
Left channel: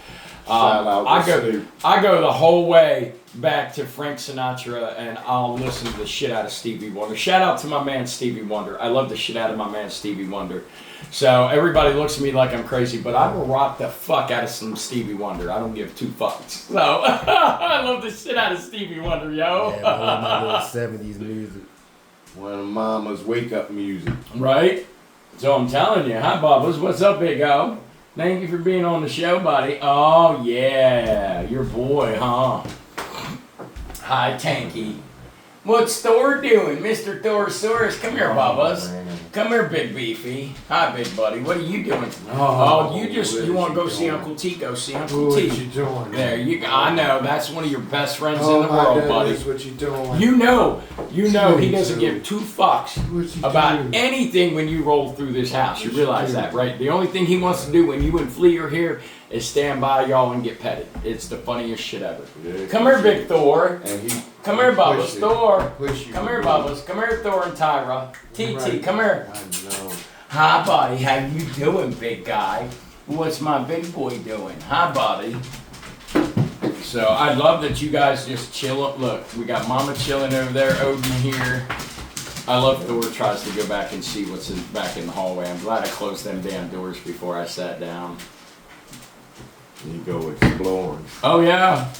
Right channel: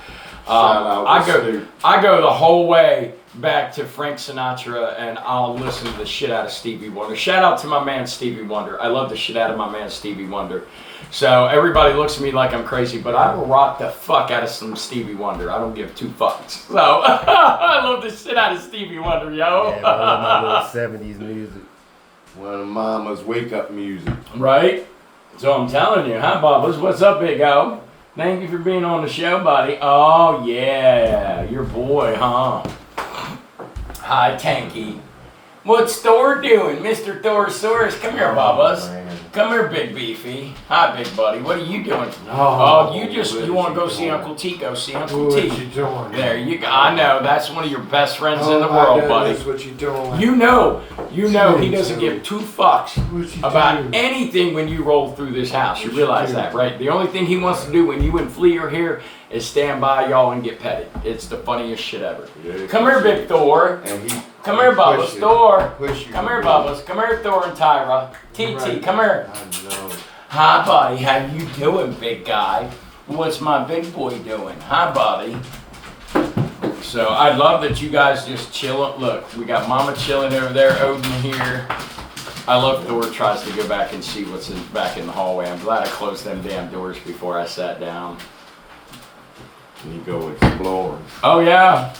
I go the whole way back to Frank Sinatra, and I'll listen to the shit out of Stevie Wonder. Shout out to my man Stevie Wonder. I love the shit out of my man Stevie Wonder. So everybody looks at me like I'm crazy, but I will rock the fuck out of some Stevie Wonder. I don't give two fucks. So I love the shit out of Stevie Wonder, yo. Yeah, one of my little 70s music. One of Mama's wake-up music. Right? So I'm telling you, hi Bubba's. What's up, big O? Thank you for being on the show, buddy. Oh yeah, your boy, huh? Hi, Tanky. What's Thor doing? Mr. Thorsaurus, come here, Bubba's. man. Come here, Big Beefy. Hi, big buddy. What are you doing? Oh, You want to go see Uncle T? Go see Uncle What T. you doing? There you go. I know, that's one of your best friends Oh, in the my world, buddy. goodness, what you doing? You know he Me doesn't too. give two fucks What you about doing? anything when you roll through this house. You What you realize do? that, right? The only thing he wants to do when you and Flea are here is stand by y'all and get petted. It's the funniest shit ever. Yeah, Come here, big Thor. And he Come here, Bubba's. push you. Thor. Push you. Come here, Bubba's. Come here, Thor and Tyra. TT, Right. come here. I know. Hi, buddy. How you doing, big guy? What's my big boy doing? Hi, buddy. So I love that you guys just chill. Look, we got Mama chilling over there, Odin here. I love Thor tries to go back and see what's back in the hallway. I'm glad I closed them damn doors before I sat down. You go exploring. Oh yeah.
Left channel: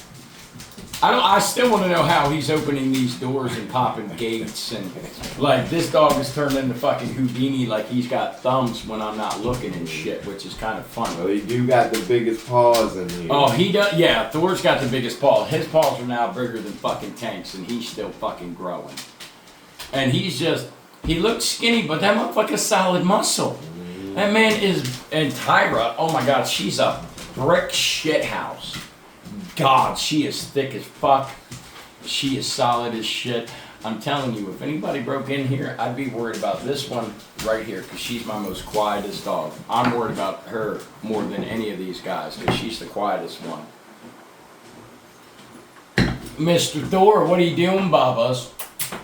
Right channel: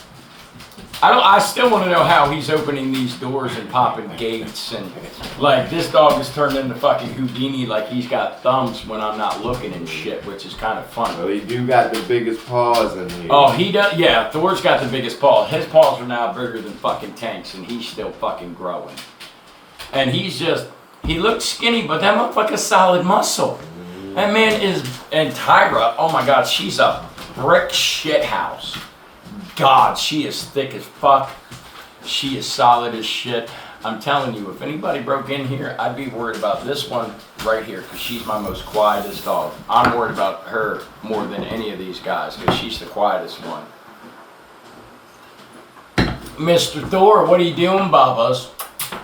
I still want to know how he's opening these doors and popping gates and like this dog has turned into fucking Houdini, like he's got thumbs when I'm not looking and shit, which is kind of fun. Well, he do got the biggest paws in here. Oh, he does. Yeah, Thor's got the biggest paws. His paws are now bigger than fucking Tank's, and he's still fucking growing. And he looks skinny, but that motherfucker's solid muscle. That man is, and Tyra, oh my God, she's a brick shit house. God, she is thick as fuck. She is solid as shit. I'm telling you, if anybody broke in here, I'd be worried about this one right here, because she's my most quietest dog. I'm worried about her more than any of these guys, because she's the quietest one. Mr. Thor, what are you doing, Bubba's?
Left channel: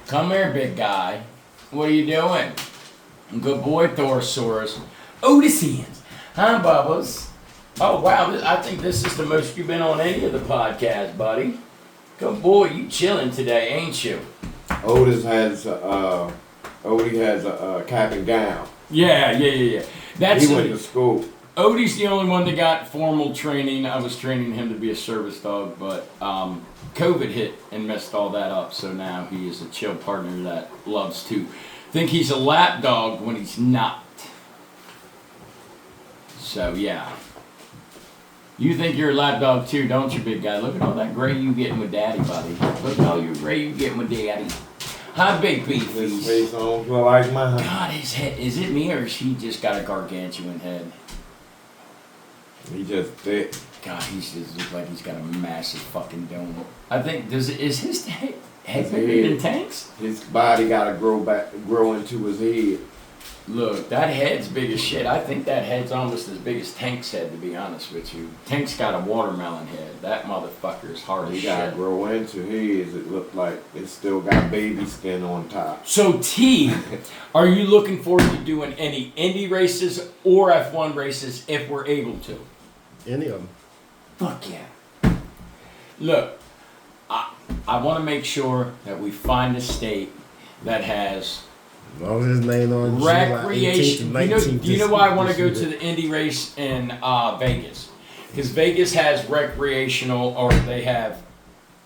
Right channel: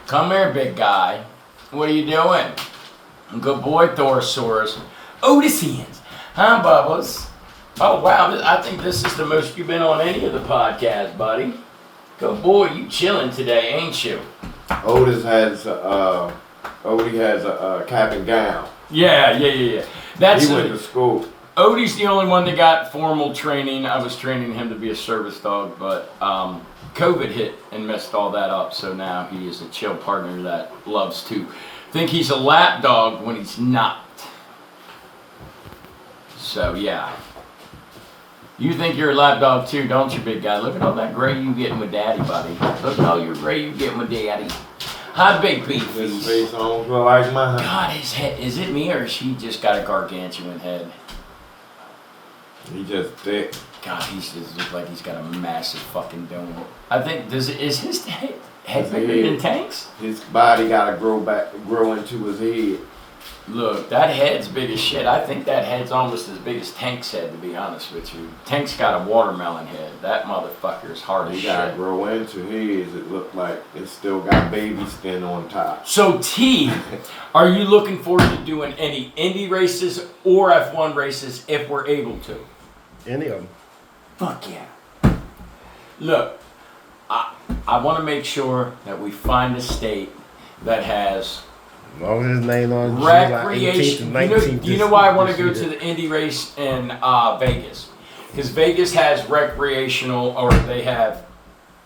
Come here, big guy. What are you doing? Good boy, Thorsaurus. Odysseans. Hi, Bubba's. Oh, wow, I think this is the most you've been on any of the podcasts, buddy. Good boy, you chilling today, ain't you? Odie has a cap and gown. Yeah. That's He went to school. Odie's the only one that got formal training. I was training him to be a service dog, but COVID hit and messed all that up. So now he is a chill partner that loves to think he's a lap dog when he's not. So yeah. You think you're a lap dog too, don't you, big guy? Look at all that gray you getting with daddy, buddy. Look at all your gray you getting with daddy. Hi, big His beefy. face don't look like mine. God, his head, is it me or has he just got a gargantuan head? He just thick. God, he just looks like he's got a massive fucking dome. I think, is his head His bigger head. than Tank's? His body gotta grow into his head. Look, that head's big as shit. I think that head's almost as big as Tank's head, to be honest with you. Tank's got a watermelon head. That motherfucker is hard as He gotta shit. grow into his. It look like it still got baby skin on top. So T, are you looking forward to doing any Indy races or F1 races if we're able to? Any of them. Fuck yeah. Look, I want to make sure that we find a state that has As long as his name on July 18th recreation. and 19th. You know why I want to go to the Indy race in Vegas? Because Vegas has recreational, or they have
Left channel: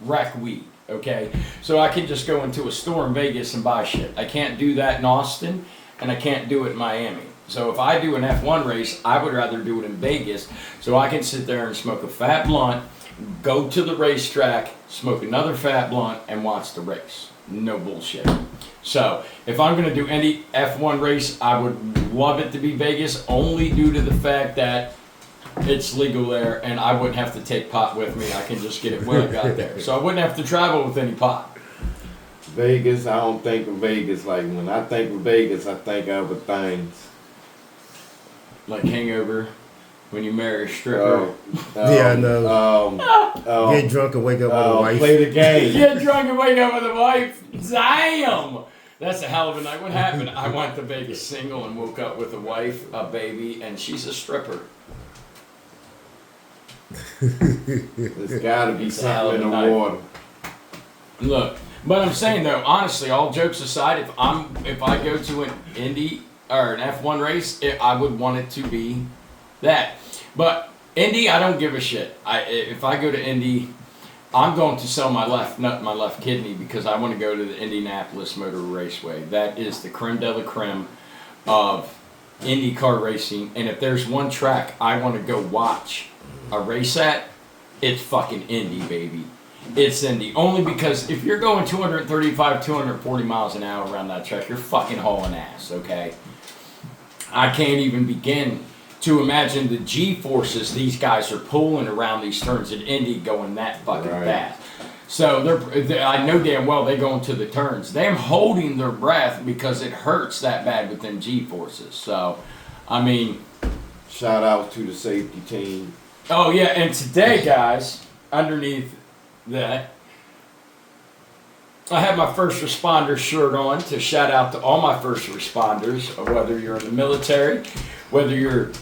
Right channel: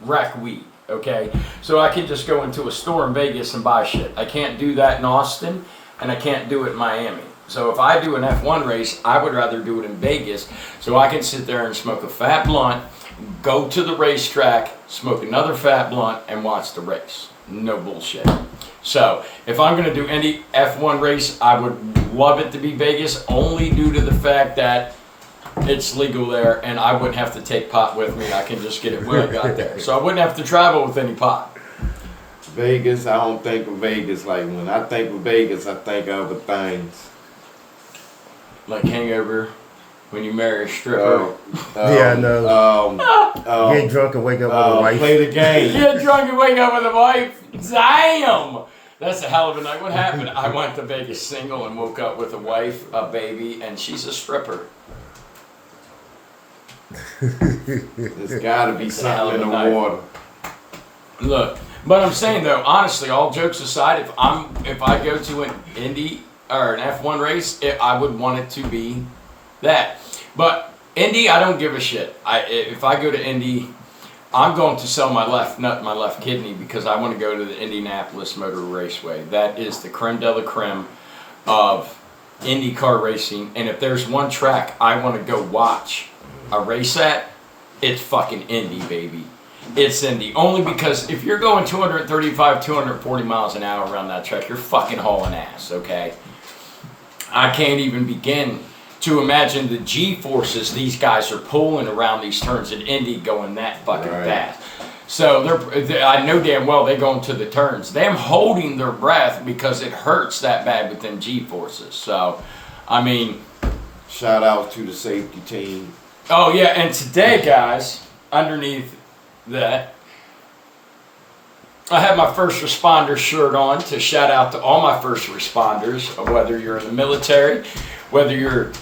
rec weed. Okay, so I can just go into a store in Vegas and buy shit. I can't do that in Austin, and I can't do it in Miami. So if I do an F1 race, I would rather do it in Vegas, so I can sit there and smoke a fat blunt, go to the racetrack, smoke another fat blunt, and watch the race. No bullshit. So if I'm going to do any F1 race, I would love it to be Vegas, only due to the fact that it's legal there, and I wouldn't have to take pot with me. I can just get it when I got there. So I wouldn't have to travel with any pot. Vegas, I don't think of Vegas. Like, when I think of Vegas, I think of other things. Like hangover, when you marry a stripper. Yeah, I know. Get drunk and wake up with a wife. Play the game. Get drunk and wake up with a wife. Damn! That's a hell of a night. What happened? I went to Vegas single and woke up with a wife, a baby, and she's a stripper. There's got to be It's a hell something of in a the night. water. Look, but I'm saying though, honestly, all jokes aside, if I go to an Indy or an F1 race, I would want it to be that. But Indy, I don't give a shit. If I go to Indy, I'm going to sell my left nut and my left kidney because I want to go to the Indianapolis Motor Raceway. That is the creme de la creme of Indy car racing. And if there's one track I want to go watch a race at, it's fucking Indy, baby. It's Indy. Only because if you're going 235, 240 miles an hour around that track, you're fucking hauling ass, okay? I can't even begin to imagine the G-forces these guys are pulling around these turns at Indy going that fucking fast. So I know damn well they're going to the turns. Them holding their breath because it hurts that bad with them G-forces. So, I mean... Shout out to the safety team. Oh, yeah, and today, guys, underneath that, I have my first responder shirt on to shout out to all my first responders, whether you're in the military, whether you're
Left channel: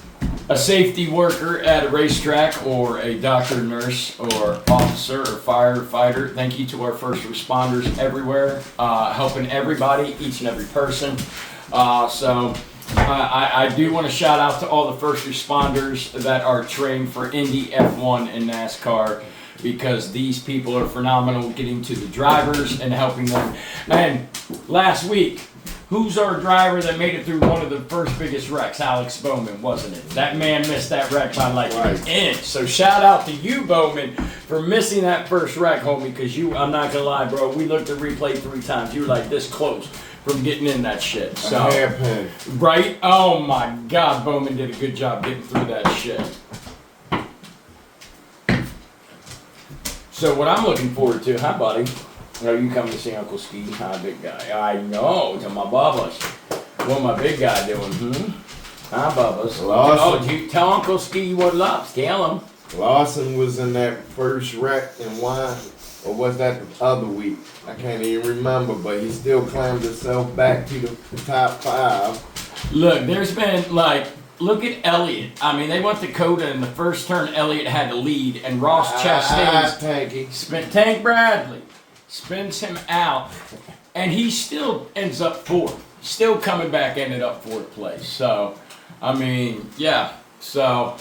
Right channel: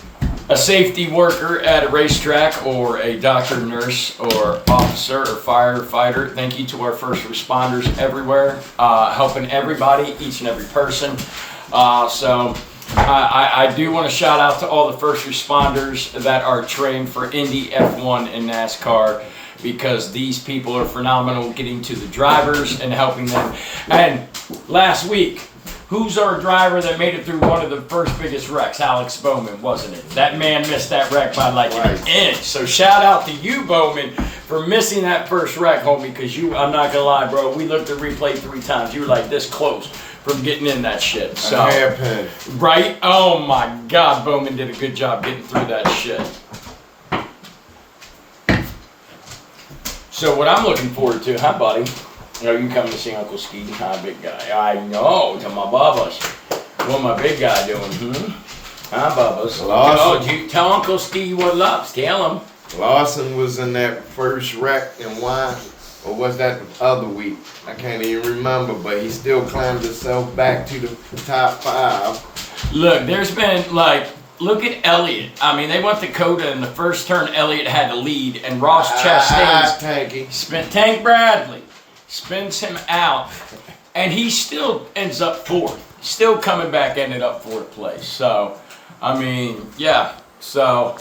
a safety worker at a racetrack, or a doctor, nurse, or officer, or firefighter. Thank you to our first responders everywhere, helping everybody, each and every person. I do want to shout out to all the first responders that are trained for Indy, F1, and NASCAR, because these people are phenomenal getting to the drivers and helping them. And last week, who's our driver that made it through one of the first biggest wrecks? Alex Bowman, wasn't it? That man missed that wreck by like an inch. So shout out to you, Bowman, for missing that first wreck, homie, because I'm not gonna lie, bro, we looked at replay 3 times. You were like this close from getting in that shit. So, A hairpin. right? Oh my God, Bowman did a good job getting through that shit. So what I'm looking forward to, hi buddy. Are you coming to see Uncle Ski? Hi, big guy. I know, to my Bubba's. What my big guy doing, Hi, Bubba's. Awesome. Oh, tell Uncle Ski what loves. Tell him. Lawson was in that first wreck and why, or was that the other week? I can't even remember, but he still climbed himself back to the top 5. Look, there's been look at Elliott. I mean, they went to Coda in the first turn. Elliott had to lead, and Ross Chastain's Tank Bradley spins him out, and he still ends up 4th. Still coming back, ended up 4th place. So, I mean, yeah. So,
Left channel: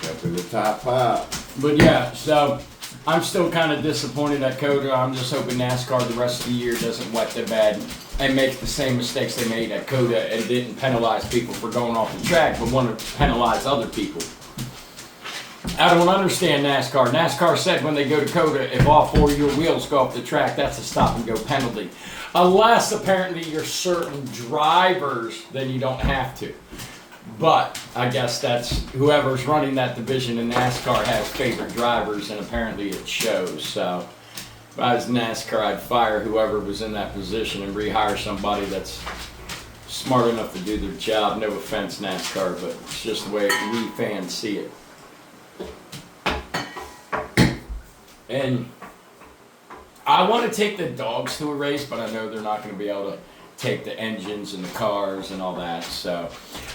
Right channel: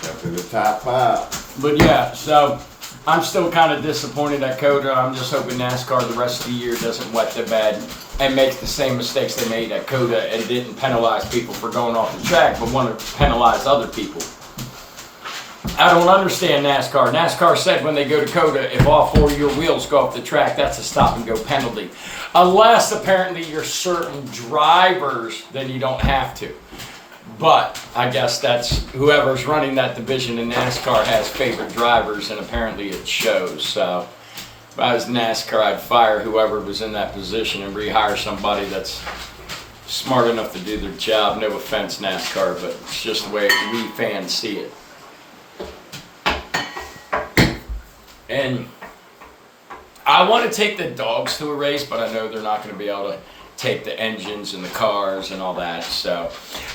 Got to the top 5. but yeah, so I'm still kind of disappointed at Coda. I'm just hoping NASCAR the rest of the year doesn't wet the bed and make the same mistakes they made at Coda and didn't penalize people for going off the track, but want to penalize other people. I don't understand NASCAR. NASCAR said when they go to Coda, if all 4 of your wheels go off the track, that's a stop and go penalty. Unless apparently you're certain drivers, then you don't have to. But I guess that's whoever's running that division in NASCAR has favorite drivers, and apparently it shows. So if I was NASCAR, I'd fire whoever was in that position and rehire somebody that's smart enough to do their job. No offense, NASCAR, but it's just the way we fans see it. And I want to take the dogs to a race, but I know they're not going to be able to take the engines and the cars and all that. So,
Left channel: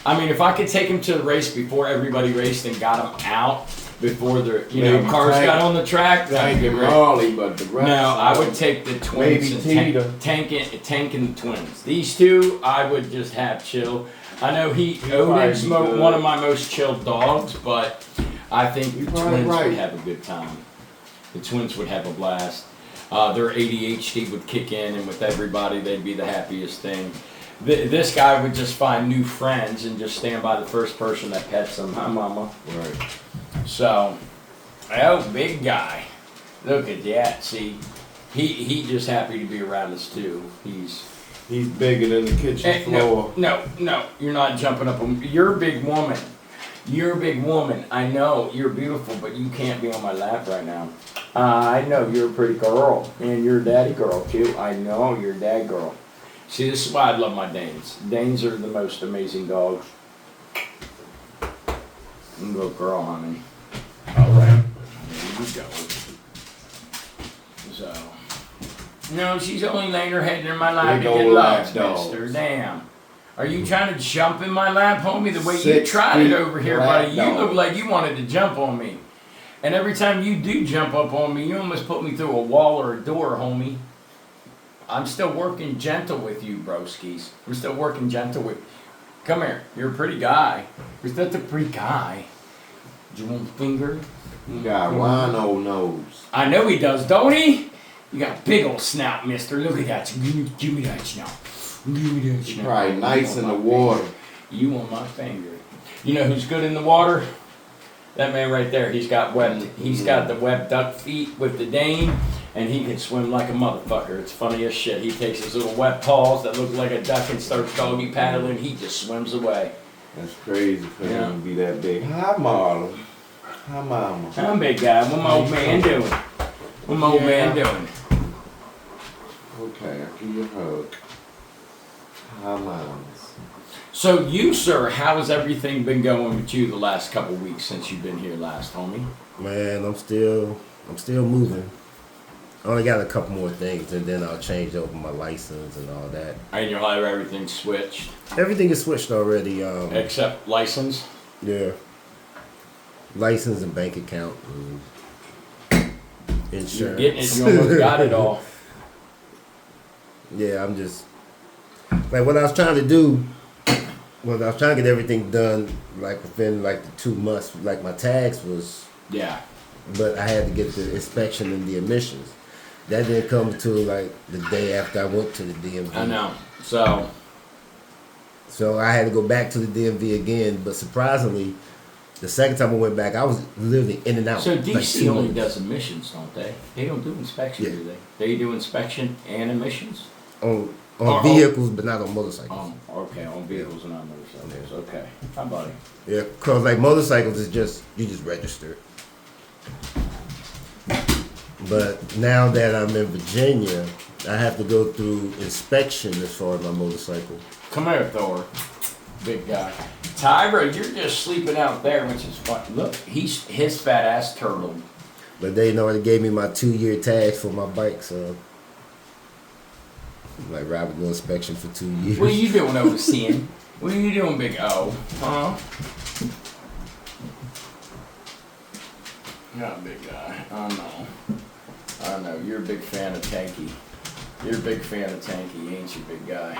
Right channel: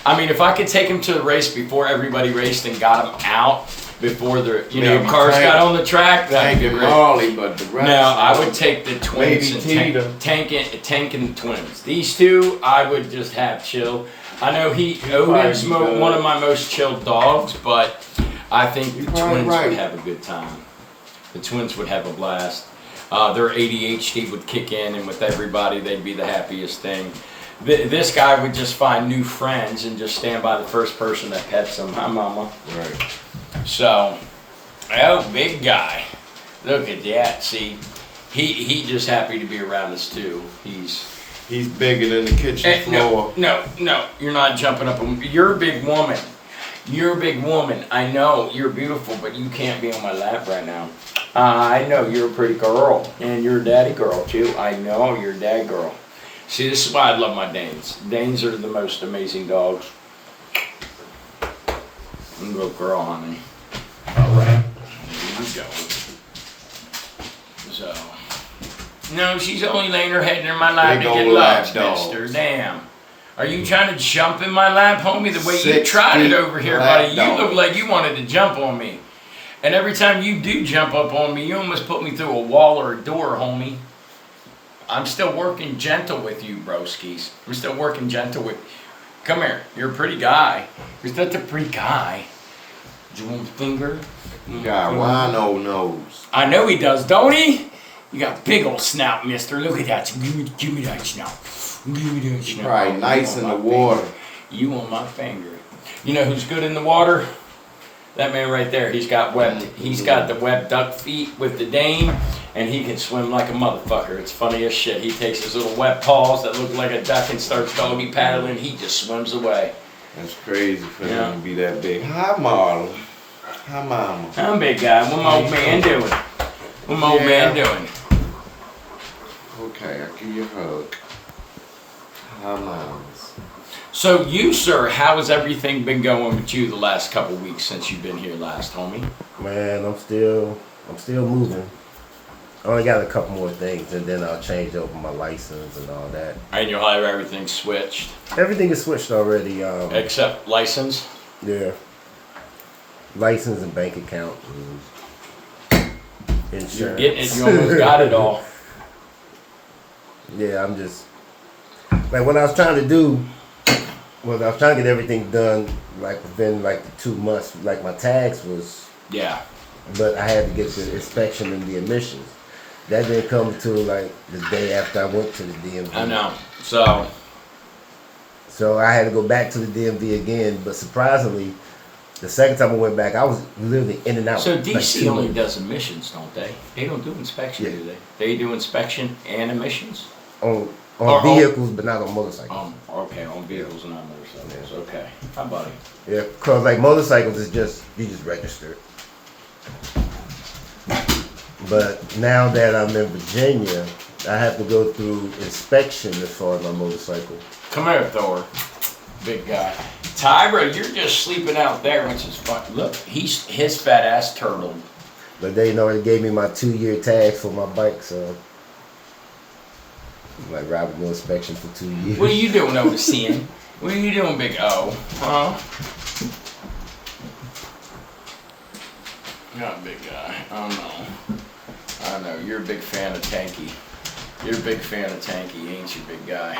I mean, if I could take them to the race before everybody raced and got them out, before the Maybe cars Tank- got on the track. That'd be Maybe great. Marley, but the rest. No, I would take the twins Maybe and tank and the twins. These two, I would just have chill. I know Odin's probably good. one of my most chilled dogs, but I think the probably twins right. would have a good time. The twins would have a blast. Their ADHD would kick in, and with everybody, they'd be the happiest thing. This guy would just find new friends and just stand by the first person that pets him. Hi, Mama. Right. So, oh, big guy. Look at that. See, he just happy to be around us too. He's bigger than the kitchen floor. no, you're not jumping up on. You're a big woman. You're a big woman. I know you're beautiful, but you can't be on my lap right now. I know you're a pretty girl, and you're a daddy girl too. I know you're a dad girl. See, this is why I love my Danes. Danes are the most amazing dogs. I'm a good girl, honey. All right, there we go. So, no, she's only laying her head in my lap Big to get old loved, lap dogs. mister. Damn. Are you trying to jump in my lap, homie? The way you 6 tried it feet over here, lap buddy. You look dog. like you wanted to jump on me. And every time you do jump up on me, you almost put me through a wall or a door, homie. I'm still working gentle with you, broskies. I'm still working gentle with. Come here. You're a pretty guy. You're such a pretty guy. Do you want a finger? You got wino nose. I know he does, don't he? You got a big old snout, mister. Look at that. Give me that snout. Give me that snout. Probably nice in the water. You want my finger. You know who's good in the water? That man right there. He's got the webbed duck feet with the Dane, and he can swim like a motherfucker. It's funny as shit. He takes his little wet paws that look like a duck and starts doggy paddling. He just swims away. That's crazy for him to be that big. Hi, Marlon. Hi, Mama. I'm a big guy. What my old man doing? What my old man doing? Okay, I'll give you a hug. Hi, Mama. So you, sir, how has everything been going with you the last couple weeks since you've been here last, homie? Man, I'm still moving. I only got a couple more things, and then I'll change over my license and all that. And you'll have everything switched, Everything is switched already. except license. Yeah. License and bank account and insurance. You're getting it. You almost got it all. Yeah, I'm just like what I was trying to do. Was I was trying to get everything done like within like the 2 months. Like my tax was, Yeah. but I had to get the inspection and the admissions. That didn't come to like the day after I went to the DMV. I know. So I had to go back to the DMV again. But surprisingly, the second time I went back, I was literally in and out. So like DC 2 only months. does emissions, don't they? They don't do inspection, Yeah. do they? They do inspection and emissions. on Or- vehicles, but not on motorcycles. Okay, on vehicles and on motorcycles. Okay, hi, buddy. Yeah, cause like motorcycles is just you just register. But now that I'm in Virginia, I have to go through inspection as far as my motorcycle. Come here, Thor. Big guy. Tyra, you're just sleeping out there, which is fun. Look, his fat ass turtle. But they already gave me my 2-year tag for my bike, so I'm like riding the inspection for 2 years. What are you doing over seeing? What are you doing, Big O? Huh? You're a big guy. I know. You're a big fan of Tanky. You're a big fan of Tanky, ain't you, big guy?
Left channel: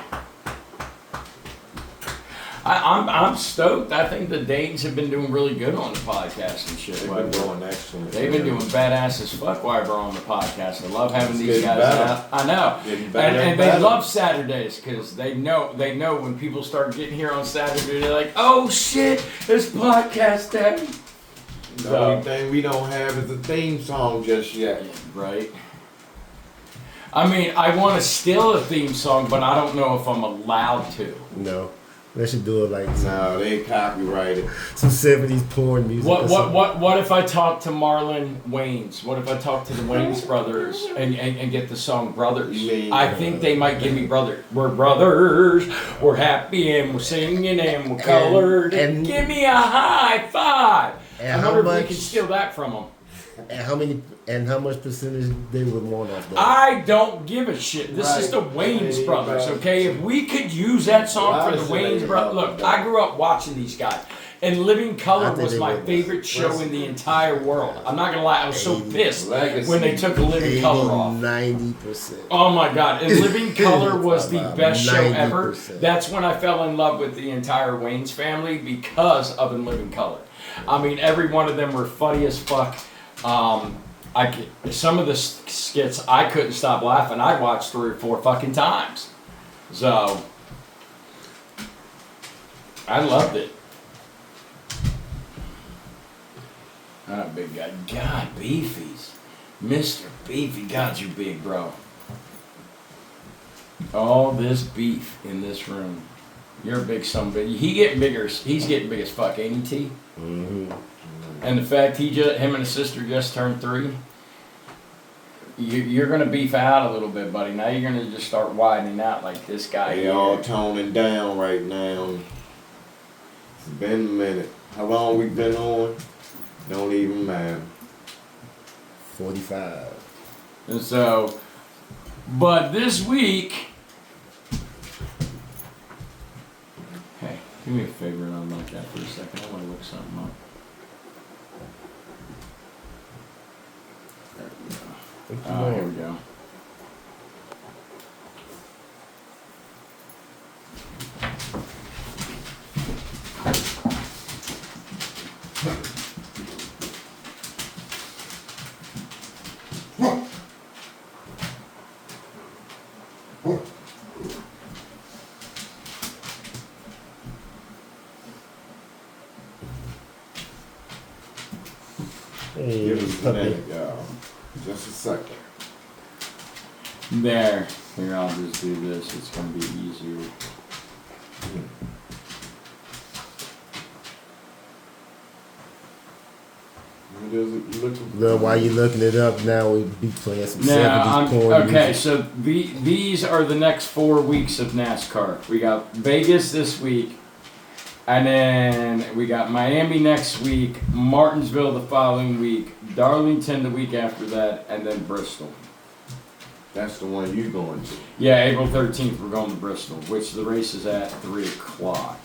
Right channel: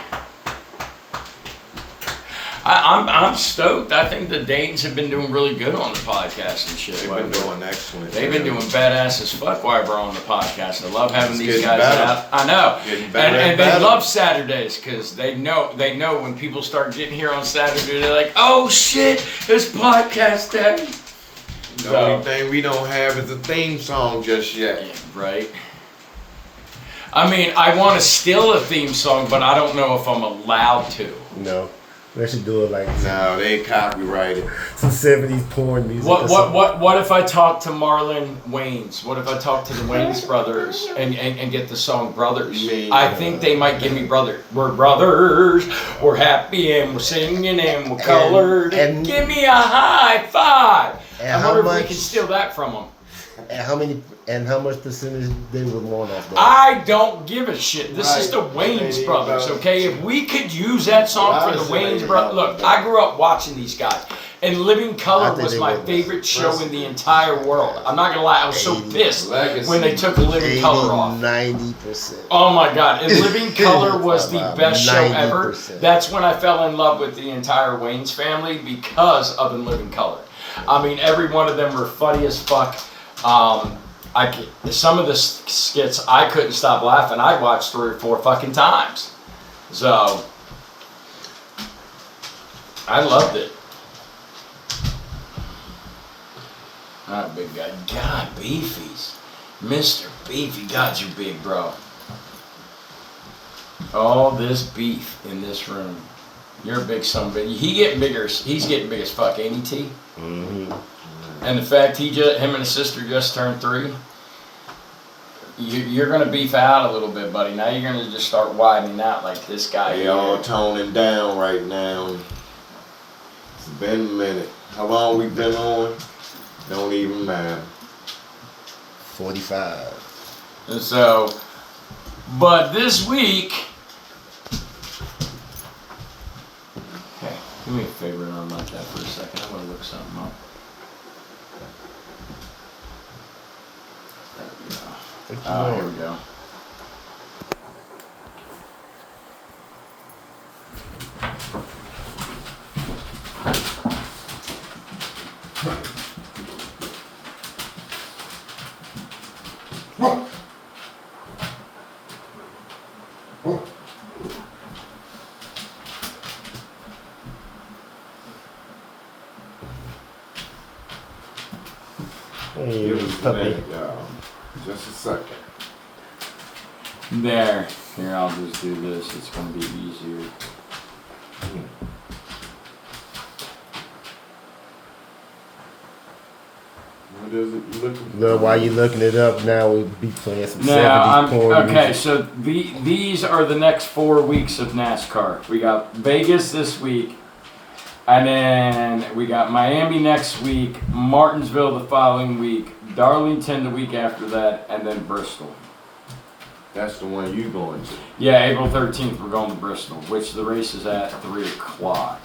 I'm stoked. I think the Danes have been doing really good on the podcast and shit. They've been doing excellent. They've been doing badass as fuck while we're on the podcast. I love having It's these getting guys better. out. I know. Getting better And and they better. love Saturdays because they know when people start getting here on Saturday, they're like, oh shit, it's podcast day. The only thing we don't have is a theme song just yet. Yeah, right. I mean, I want to steal a theme song, but I don't know if I'm allowed to. No, they should do it like No, they copyrighted. some 70s porn music. or something. What if I talk to Marlon Wayans? What if I talk to the Wayans brothers and get the song Brothers? I think they might give me brother. We're brothers, we're happy and we're singing and we're colored. And- give me a high five. And I how wonder if we much- can steal that from them. And how much percentage they would want off that? I don't give a shit. This is the Right. Wayans Maybe brothers, about- okay? If we could use that song for the Obviously, Wayans they brothers. about Look, that. I grew up watching these guys. And Living Color I think was they my were favorite show in the entire world. I'm not gonna lie, I was so 80, pissed Legacy. when they took Living Color off. 90%. Oh my god! And Living Color was the About best show ever. 90%. That's when I fell in love with the entire Wayne's family because of In Living Color. I mean, every one of them were funny as fuck. Some of the skits I couldn't stop laughing. I watched 3 or 4 fucking times. So I loved it. Alright, big guy. God, Beefies. Mr. Beefy, God, you big, bro. All this beef in this room. You're a big son of a bitch. He getting bigger. He's getting big as fuck, ain't he, T? Mm-hmm. And the fact him and his sister just turned 3, you're gonna beef out a little bit, buddy. Now you're gonna just start widening out like this guy. They here. all toning down right now. It's been a minute. How long we been on? Don't even matter. 45. And so, but this week, hey, do me a favor and unlock that for a second. I'm gonna look something up. There we go. Oh, here we go. Hey, Give us a puppy. minute, y'all. Just a second. There. Here, I'll just do this. It's gonna be easier. What is it looking Well, while you're looking it up now, we'll be playing some Now, 70s porn okay, music. so these are the next 4 weeks of NASCAR. We got Vegas this week, and then we got Miami next week, Martinsville the following week, Darlington the week after that, and then Bristol. That's the one you going to. Yeah, April 13th, we're going to Bristol, which the race is at 3 o'clock.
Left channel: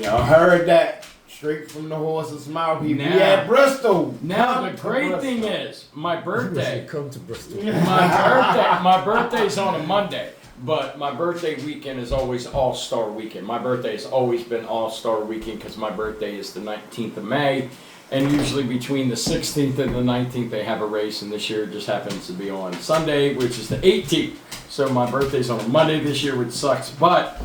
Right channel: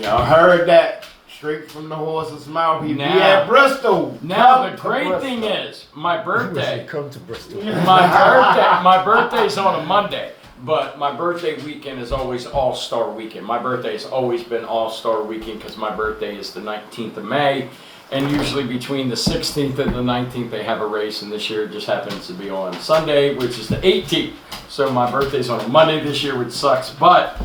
Y'all heard that straight from the horse's mouth. He be Now- at Bristol. Now, Come the to great Bristol. thing is, my birthday, Come to Bristol. my birthday's on a Monday, but my birthday weekend is always All-Star Weekend. My birthday has always been All-Star Weekend because my birthday is the 19th of May, and usually between the 16th and the 19th they have a race, and this year it just happens to be on Sunday, which is the 18th. So my birthday's on a Monday this year, which sucks, but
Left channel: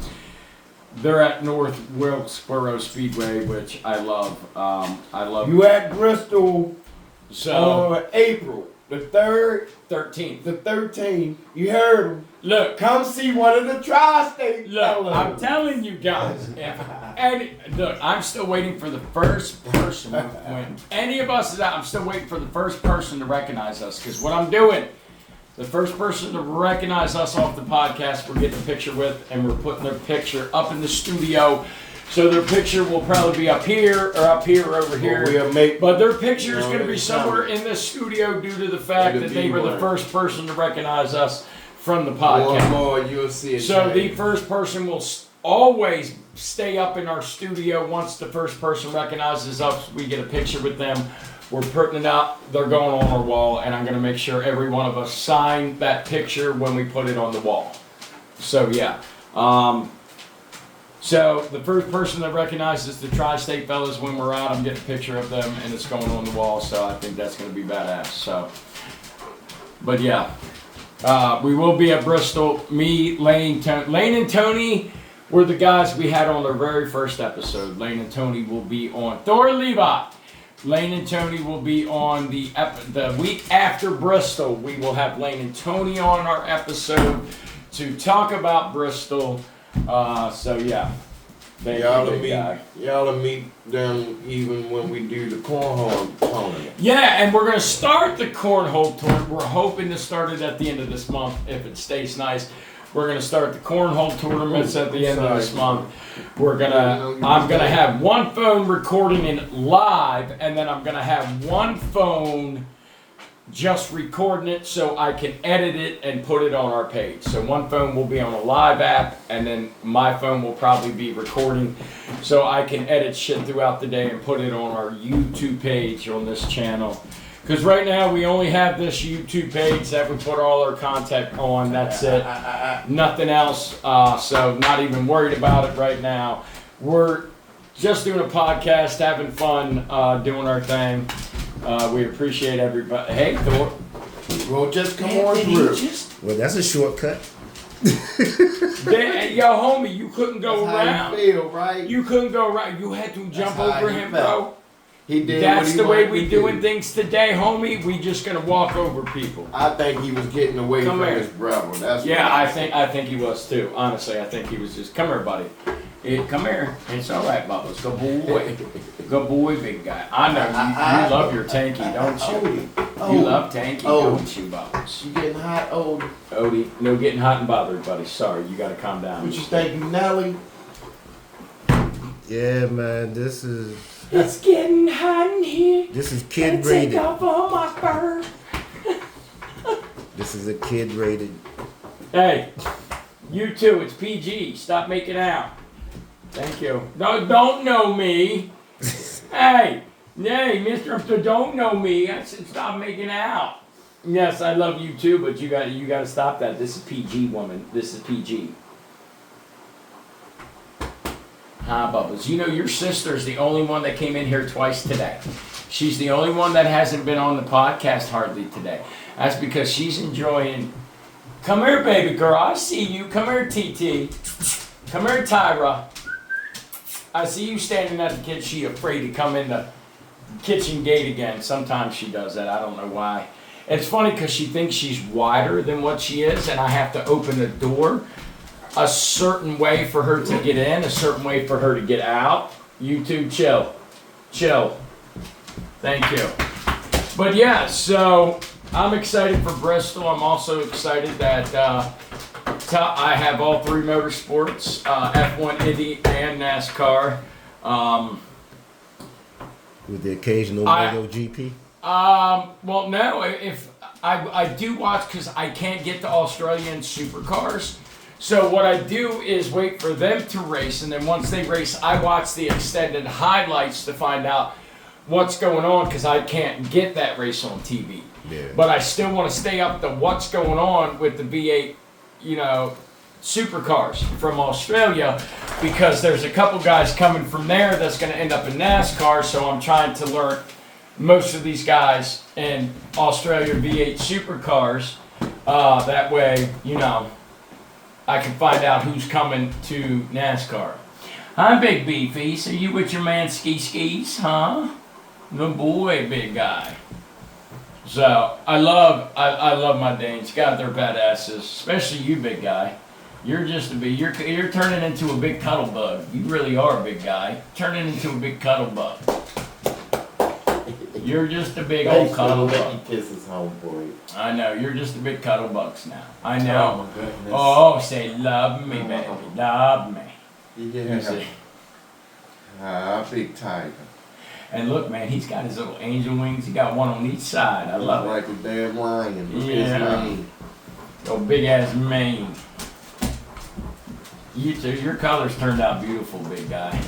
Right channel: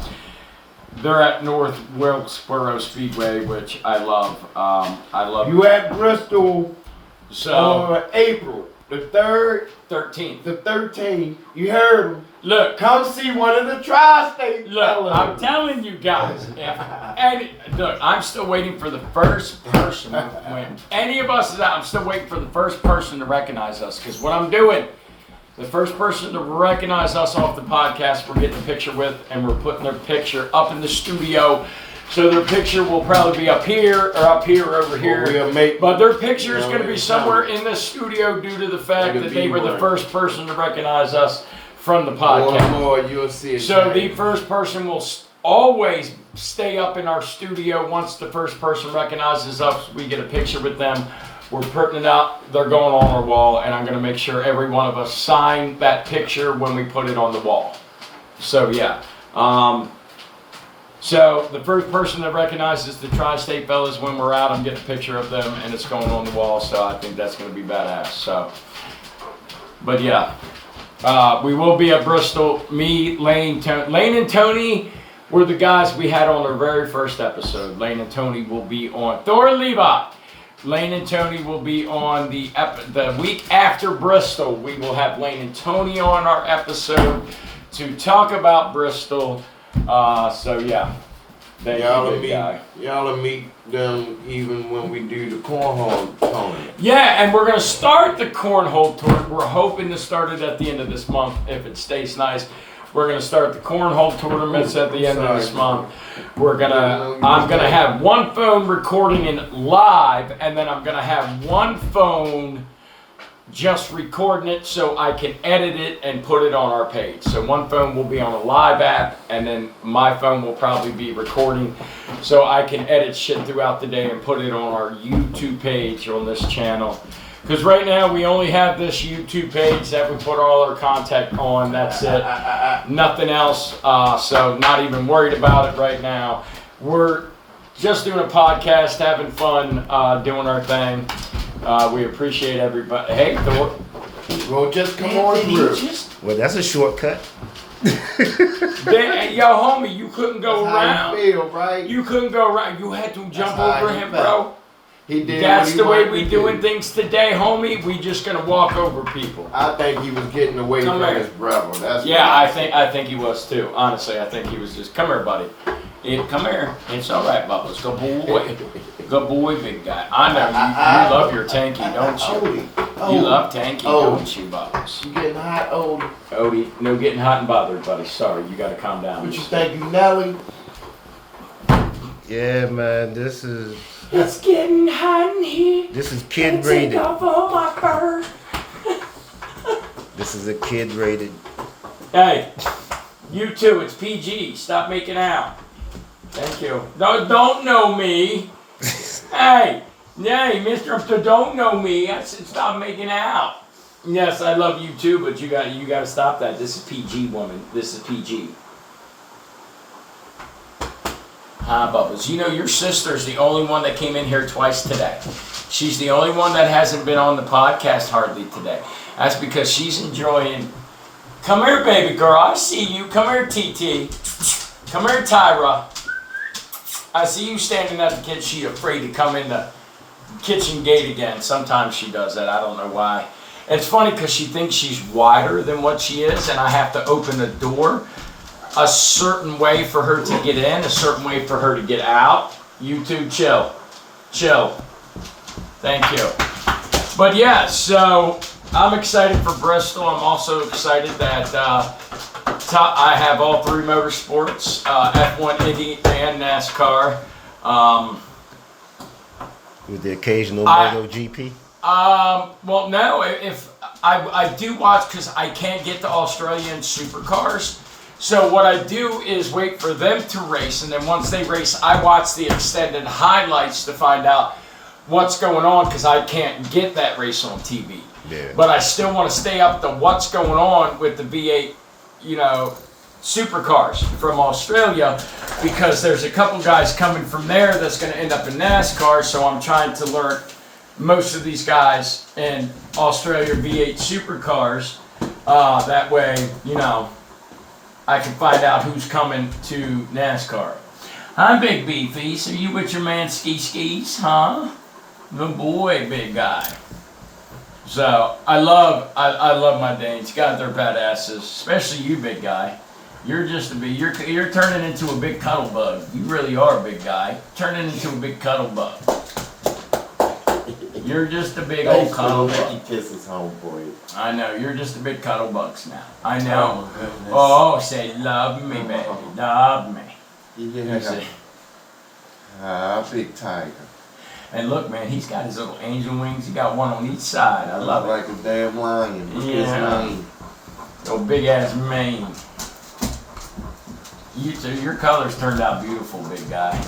they're at North Wilkesboro Speedway, which I love. I love. You at Bristol So on April the 3rd, 13th. the 13th. You heard him. Look, Come see one of the tri-state Look, fellas. I'm telling you guys, and look, I'm still waiting for the first person. When any of us is out, I'm still waiting for the first person to recognize us. Because what I'm doing, the first person to recognize us off the podcast, we're getting a picture with, and we're putting their picture up in the studio. So their picture will probably be up here, or over here. We'll make, But their picture is No, going to be it's somewhere coming. in the studio due to the fact It'll that they be were the one. first person to recognize us from the one podcast. more, you'll see it. So the change. first person will always stay up in our studio. Once the first person recognizes us, we get a picture with them. We're putting it out. They're going on our wall, and I'm going to make sure every one of us sign that picture when we put it on the wall. So yeah. So the first person that recognizes the Tri-State fellas when we're out, I'm getting a picture of them, and it's going on the wall. So I think that's going to be badass. So, but yeah. We will be at Bristol. Me, Lane, Lane and Tony were the guys we had on our very first episode. Lane and Tony will be on Thor Levi. Lane and Tony will be on the week after Bristol. We will have Lane and Tony on our episode to talk about Bristol. So yeah, thank you, big guy. Y'all will meet them even when we do the cornhole tournament. Yeah, and we're going to start the cornhole tournament. We're hoping to start it at the end of this month if it stays nice. We're going to start the cornhole tournaments at the end of this month. I'm going to have one phone recording it live, and then I'm going to have one phone just recording it so I can edit it and put it on our page. So one phone will be on a live app, and then my phone will probably be recording so I can edit shit throughout the day and put it on our YouTube page on this channel. Because right now we only have this YouTube page that we put all our content on. That's it. Nothing else. So not even worried about it right now. We're just doing a podcast, having fun, doing our thing. We appreciate everybody. Hey, Thor. Well, just come on through. Well, that's a shortcut. Yo, homie, you couldn't go That's around. how you feel, right? You couldn't go around. You had to jump how over he him, felt. bro. He did That's what he the way wanted we to doing do. things today, homie. We just gonna walk over people. I think he was getting away Come from here. his brother. That's Yeah, what I think he was too. Honestly, I think he was just, come here, buddy. Come here. It's all right, Bubbles. Good boy. Good boy, big guy. I know you love your tanky, don't you? Odie. You love tanky, Oh. don't you, Bubbles? You getting hot, old? Odie, no getting hot and bothered, buddy. Sorry, you gotta calm down. What you think, Nelly? Yeah, man, this is It's getting hot in here. kid rated. off all my fur. This is a kid rated. Hey, you too. It's PG. Stop making out. Thank you. Don't know me. Hey, Mister, don't know me. I said stop making out. Yes, I love you too, but you got to stop that. This is PG, woman. This is PG. Hi, Bubbles. You know your sister's the only one that came in here twice today. She's the only one that hasn't been on the podcast hardly today. That's because she's enjoying. Come here, baby girl. I see you. Come here, TT. Come here, Tyra. I see you standing at the kitchen. She afraid to come in the kitchen gate again. Sometimes she does that. I don't know why. It's funny because she thinks she's wider than what she is, and I have to open the door a certain way for her to get in, a certain way for her to get out. You two, chill. Chill. Thank you. But yeah, so I'm excited for Bristol. I'm also excited that I have all three motorsports, F1, Indy, and NASCAR. With the occasional MotoGP. Well, no, if I do watch because I can't get to Australian supercars. So what I do is wait for them to race, and then once they race, I watch the extended highlights to find out what's going on because I can't get that race on TV. Yeah. But I still want to stay up to what's going on with the V8, supercars from Australia because there's a couple guys coming from there that's going to end up in NASCAR. So I'm trying to learn most of these guys in Australia V8 supercars. That way, I can find out who's coming to NASCAR. I'm Big Beefy. So you with your man skis, huh? Good boy, big guy. So I love my Danes. God, they're badasses. Especially you, big guy. You're just you're turning into a big cuddle bug. You really are a big guy. Turning into a big cuddle bug. You're just a big old cuddle bug. He kisses homeboy. I know, you're just a big cuddle bugs now. I know. Oh, my goodness. Oh, say love me, baby. Love me. You Yeah. see. Big tiger. And look, man, he's got his little angel wings. He got one on each side. I love it. Like a damn lion. Look at Yeah. his mane. Your big ass mane. Your colors turned out beautiful, big guy.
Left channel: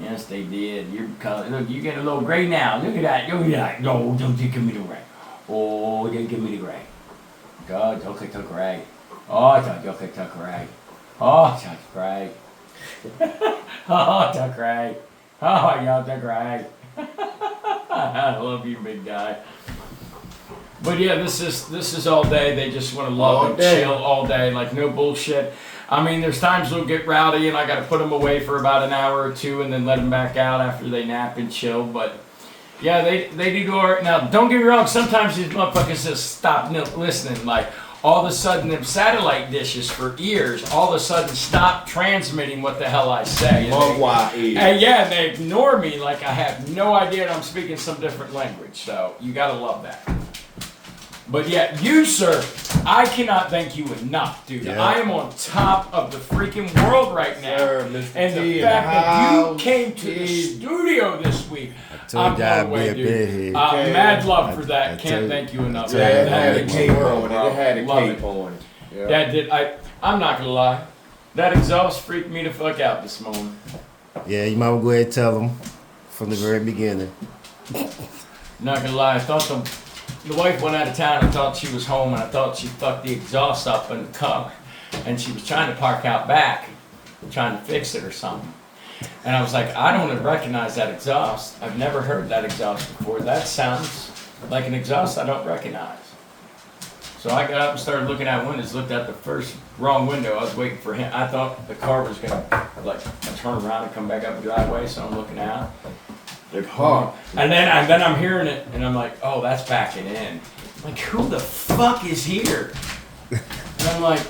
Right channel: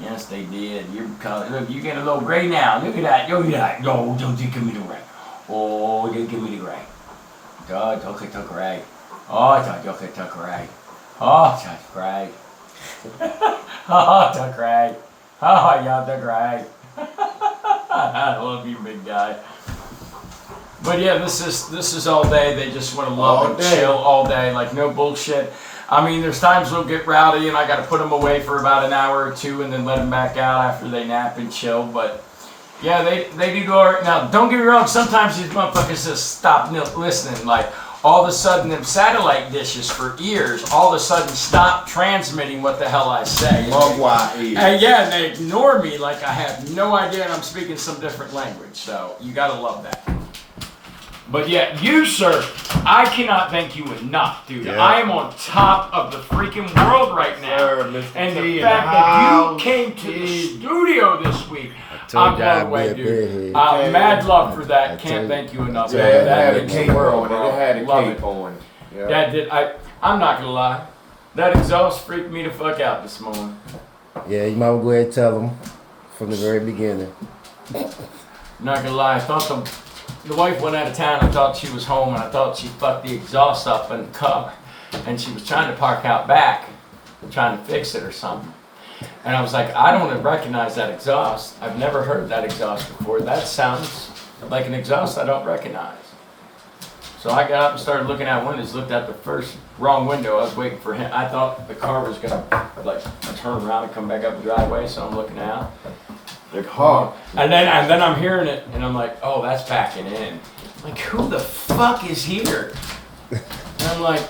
Yes, they did. Your color. Look, you get a little gray now. Look at that. Look at that. No, don't you give me the gray. Oh, don't give me the gray. God, don't get the gray. Oh, don't get the gray. Oh, that's gray. Oh, the gray. Oh, yeah, the gray. I love you, big guy. But yeah, this is all day. They just want to love All and day. chill all day, like no bullshit. I mean, there's times they'll get rowdy, and I got to put them away for about an hour or two, and then let them back out after they nap and chill. But yeah, they do all right. Now, don't get me wrong. Sometimes these motherfuckers just stop listening. Like all of a sudden, them satellite dishes for ears all of a sudden stop transmitting what the hell I say. And yeah, and they ignore me like I have no idea and I'm speaking some different language. So you gotta love that. But yeah, you, sir, I cannot thank you enough, dude. Yeah. I am on top of the freaking world right now. Sir, Mr. And T the in fact the that you house. came to the T. studio this week, Told I'm y'all blown away, I'd be a dude. bedhead. Mad love for I that. Can't tell thank you enough. Yeah, man. it had a means cape the world, on it. bro. It had a Love cape it. on it. Yeah. That did. I'm not gonna lie. That exhaust freaked me the fuck out this morning. Yeah, you might go ahead and tell them from the very beginning. Not gonna lie. I thought the wife went out of town. I thought she was home, and I thought she fucked the exhaust up in the car, and she was trying to park out back, trying to fix it or something. And I was like, I don't recognize that exhaust. I've never heard that exhaust before. That sounds like an exhaust I don't recognize. So I got up and started looking out windows, looked out the first wrong window. I was waiting for him. I thought the car was gonna like turn around and come back up the driveway, so I'm looking out. Like hard. And then I'm hearing it, and I'm like, oh, that's backing in. Like, who the fuck is here? And I'm like,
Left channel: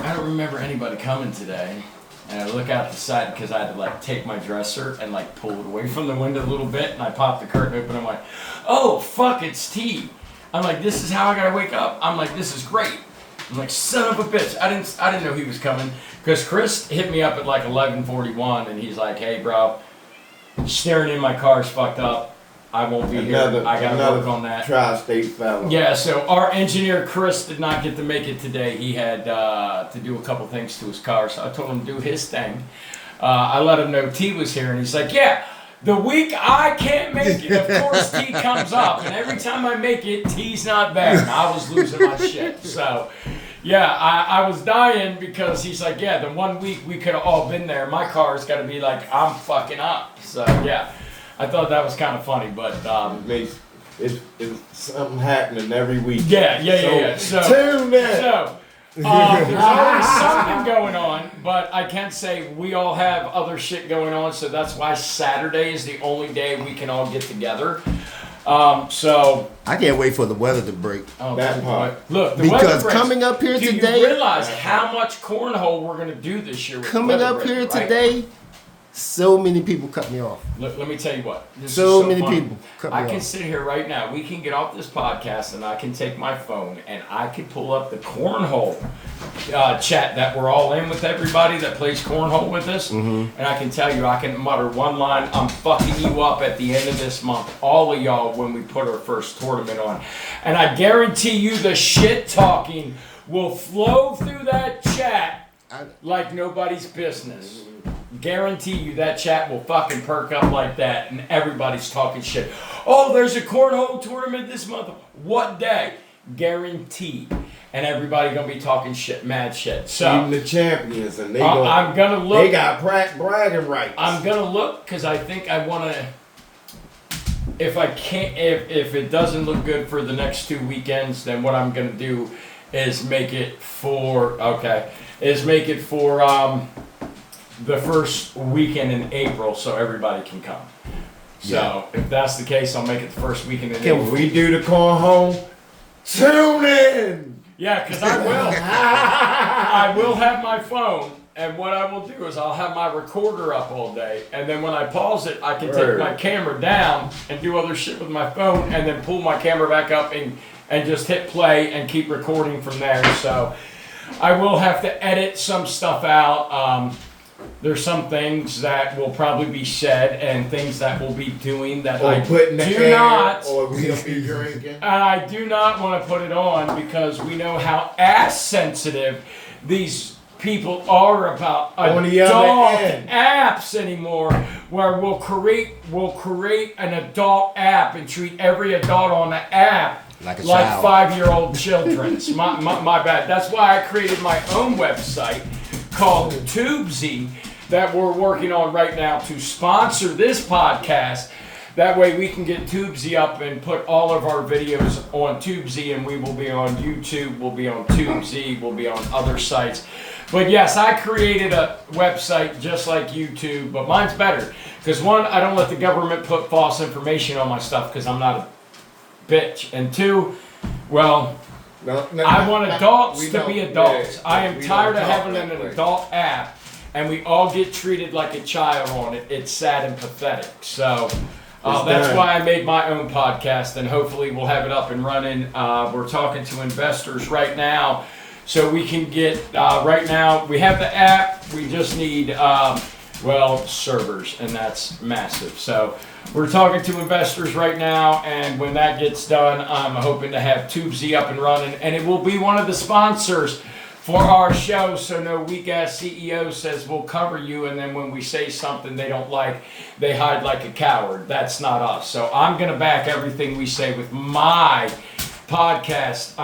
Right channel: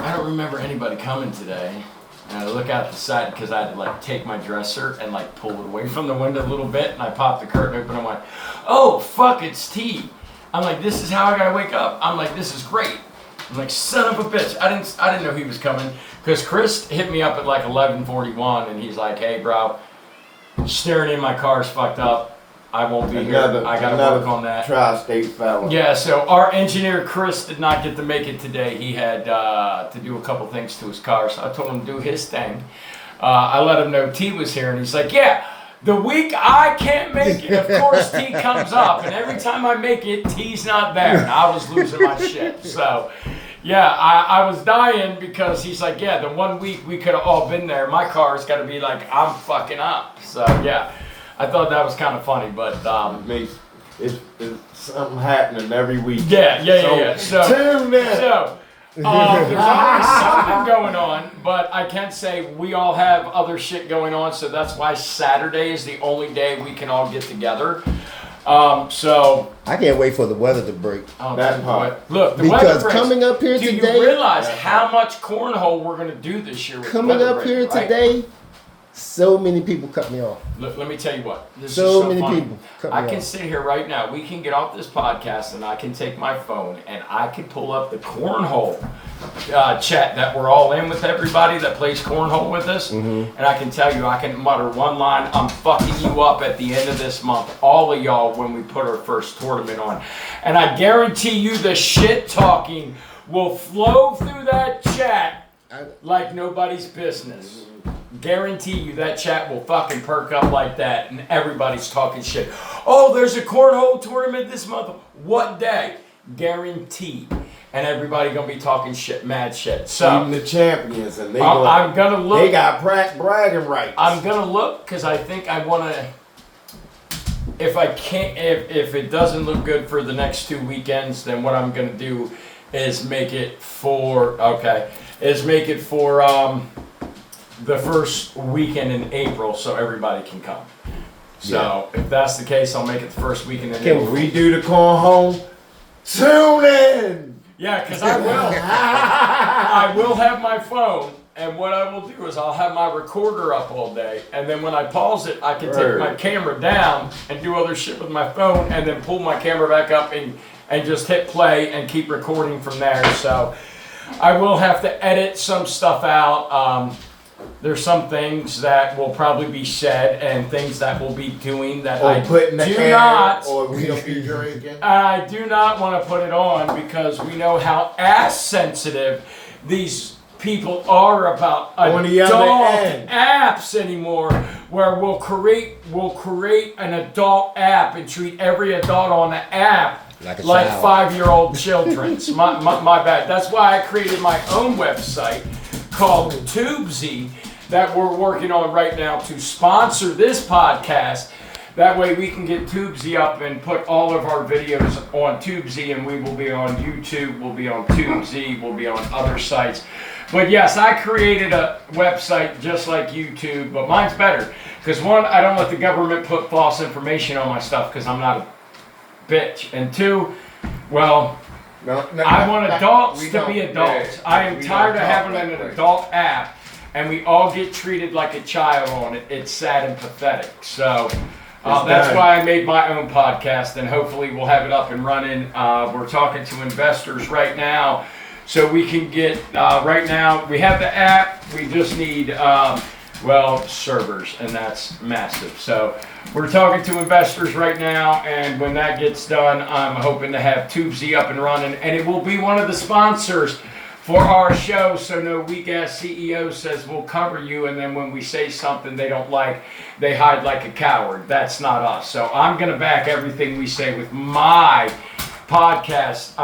I don't remember anybody coming today. And I look out the side because I had to like take my dresser and like pull it away from the window a little bit, and I popped the curtain open. I'm like, oh fuck, it's T. I'm like, this is how I gotta wake up. I'm like, this is great. I'm like, son of a bitch. I didn't know he was coming because Chris hit me up at like 11:41, and he's like, hey bro, steering in my car's fucked up. I won't be here. I gotta work on that. Tri-state fella. Yeah, so our engineer Chris did not get to make it today. He had to do a couple things to his car, so I told him to do his thing. I let him know T was here, and he's like, yeah, the week I can't make it, of course T comes up, and every time I make it, T's not there. And I was losing my shit. So, yeah, I was dying because he's like, yeah, the 1 week we could have all been there. My car's got to be like, I'm fucking up. So, yeah. I thought that was kind of funny, but It's something happening every week. yeah. So tune in. So there's always something going on, but I can say we all have other shit going on, so that's why Saturday is the only day we can all get together. So I can't wait for the weather to break. That part. Look, the Because weather breaks. coming up here Do today, you realize how much cornhole we're going to do this year? With the coming weather up break, here right? today, so many people cut me off. Let me tell you what. This So is many funny. people cut me I can off. sit here right now. We can get off this podcast, and I can take my phone and I can pull up the cornhole chat that we're all in with everybody that plays cornhole with us, and I can tell you, I can mutter one line: "I'm fucking you up at the end of this month, all of y'all, when we put our first tournament on." And I guarantee you, the shit talking will flow through that chat like nobody's business. Guarantee you that chat will fucking perk up like that, and everybody's talking shit. Oh, there's a cornhole tournament this month. What day? Guaranteed. And everybody gonna be talking shit, mad shit. So Even the champions, and I'm gonna look. They got bragging rights. I'm gonna look because I think I wanna. If I can't, if it doesn't look good for the next 2 weekends, then what I'm gonna do is make it for the first weekend in April, so everybody can come. So if that's the case, I'll make it the first weekend in April. When we do the cornhole, tune in. Yeah, because I will. I will have my phone, and what I will do is I'll have my recorder up all day, and then when I pause it, I can take my camera down and do other shit with my phone, and then pull my camera back up and just hit play and keep recording from there. So I will have to edit some stuff out. There's some things that will probably be said and things that we'll be doing that Or I put in the do air, not. or we'll be drinking. I do not want to put it on because we know how ass sensitive these people are about On the other adult end. apps anymore, where we'll create an adult app and treat every adult on the app Like a child. 5-year-old children. my bad. That's why I created my own website called Tubesy that we're working on right now to sponsor this podcast. That way we can get Tubesy up and put all of our videos on Tubesy, and we will be on YouTube, we'll be on Tubesy, we'll be on other sites. But yes, I created a website just like YouTube, but mine's better. Because one, I don't let the government put false information on my stuff because I'm not a bitch. And two, well, I want adults to be adults. I am tired of having an adult app, and we all get treated like a child on it. It's sad and pathetic. So that's why I made my own podcast, and hopefully we'll have it up and running. We're talking to investors right now, so we can get, right now, we have the app. We just need well, servers, and that's massive. So we're talking to investors right now, and when that gets done, I'm hoping to have Tubesy up and running, and it will be one of the sponsors for our show, so no weak-ass CEO says we'll cover you, and then when we say something they don't like, they hide like a coward. That's not us. So I'm going to back everything we say with my podcast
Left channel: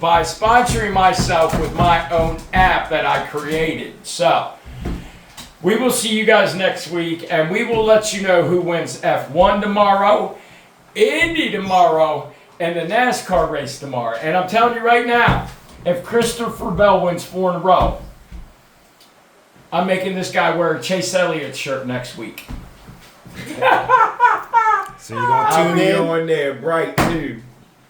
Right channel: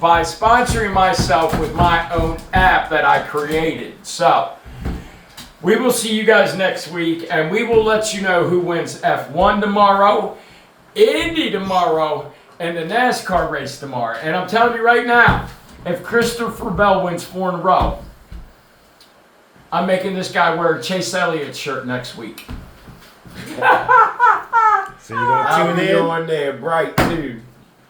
by sponsoring myself with my own app that I created. So we will see you guys next week, and we will let you know who wins F1 tomorrow, Indy tomorrow, and the NASCAR race tomorrow. And I'm telling you right now, if Christopher Bell wins 4 in a row, I'm making this guy wear a Chase Elliott shirt next week. So you gonna I'll tune be in? on there bright too.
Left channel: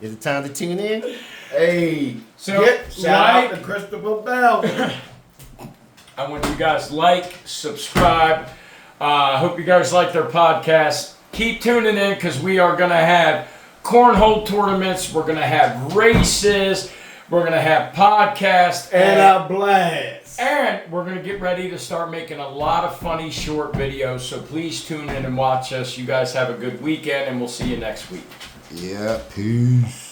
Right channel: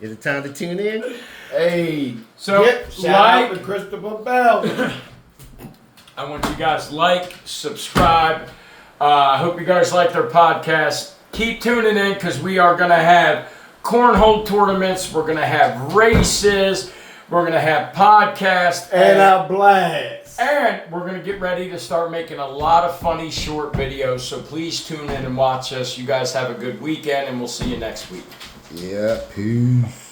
Is it time to tune in? Hey, So, shout out like, to Christopher Bell. I want you guys like, subscribe. I hope you guys like their podcast. Keep tuning in because we are going to have cornhole tournaments. We're going to have races. We're going to have podcasts. And a blast. And we're going to get ready to start making a lot of funny short videos. So please tune in and watch us. You guys have a good weekend, and we'll see you next week. Yeah, peace.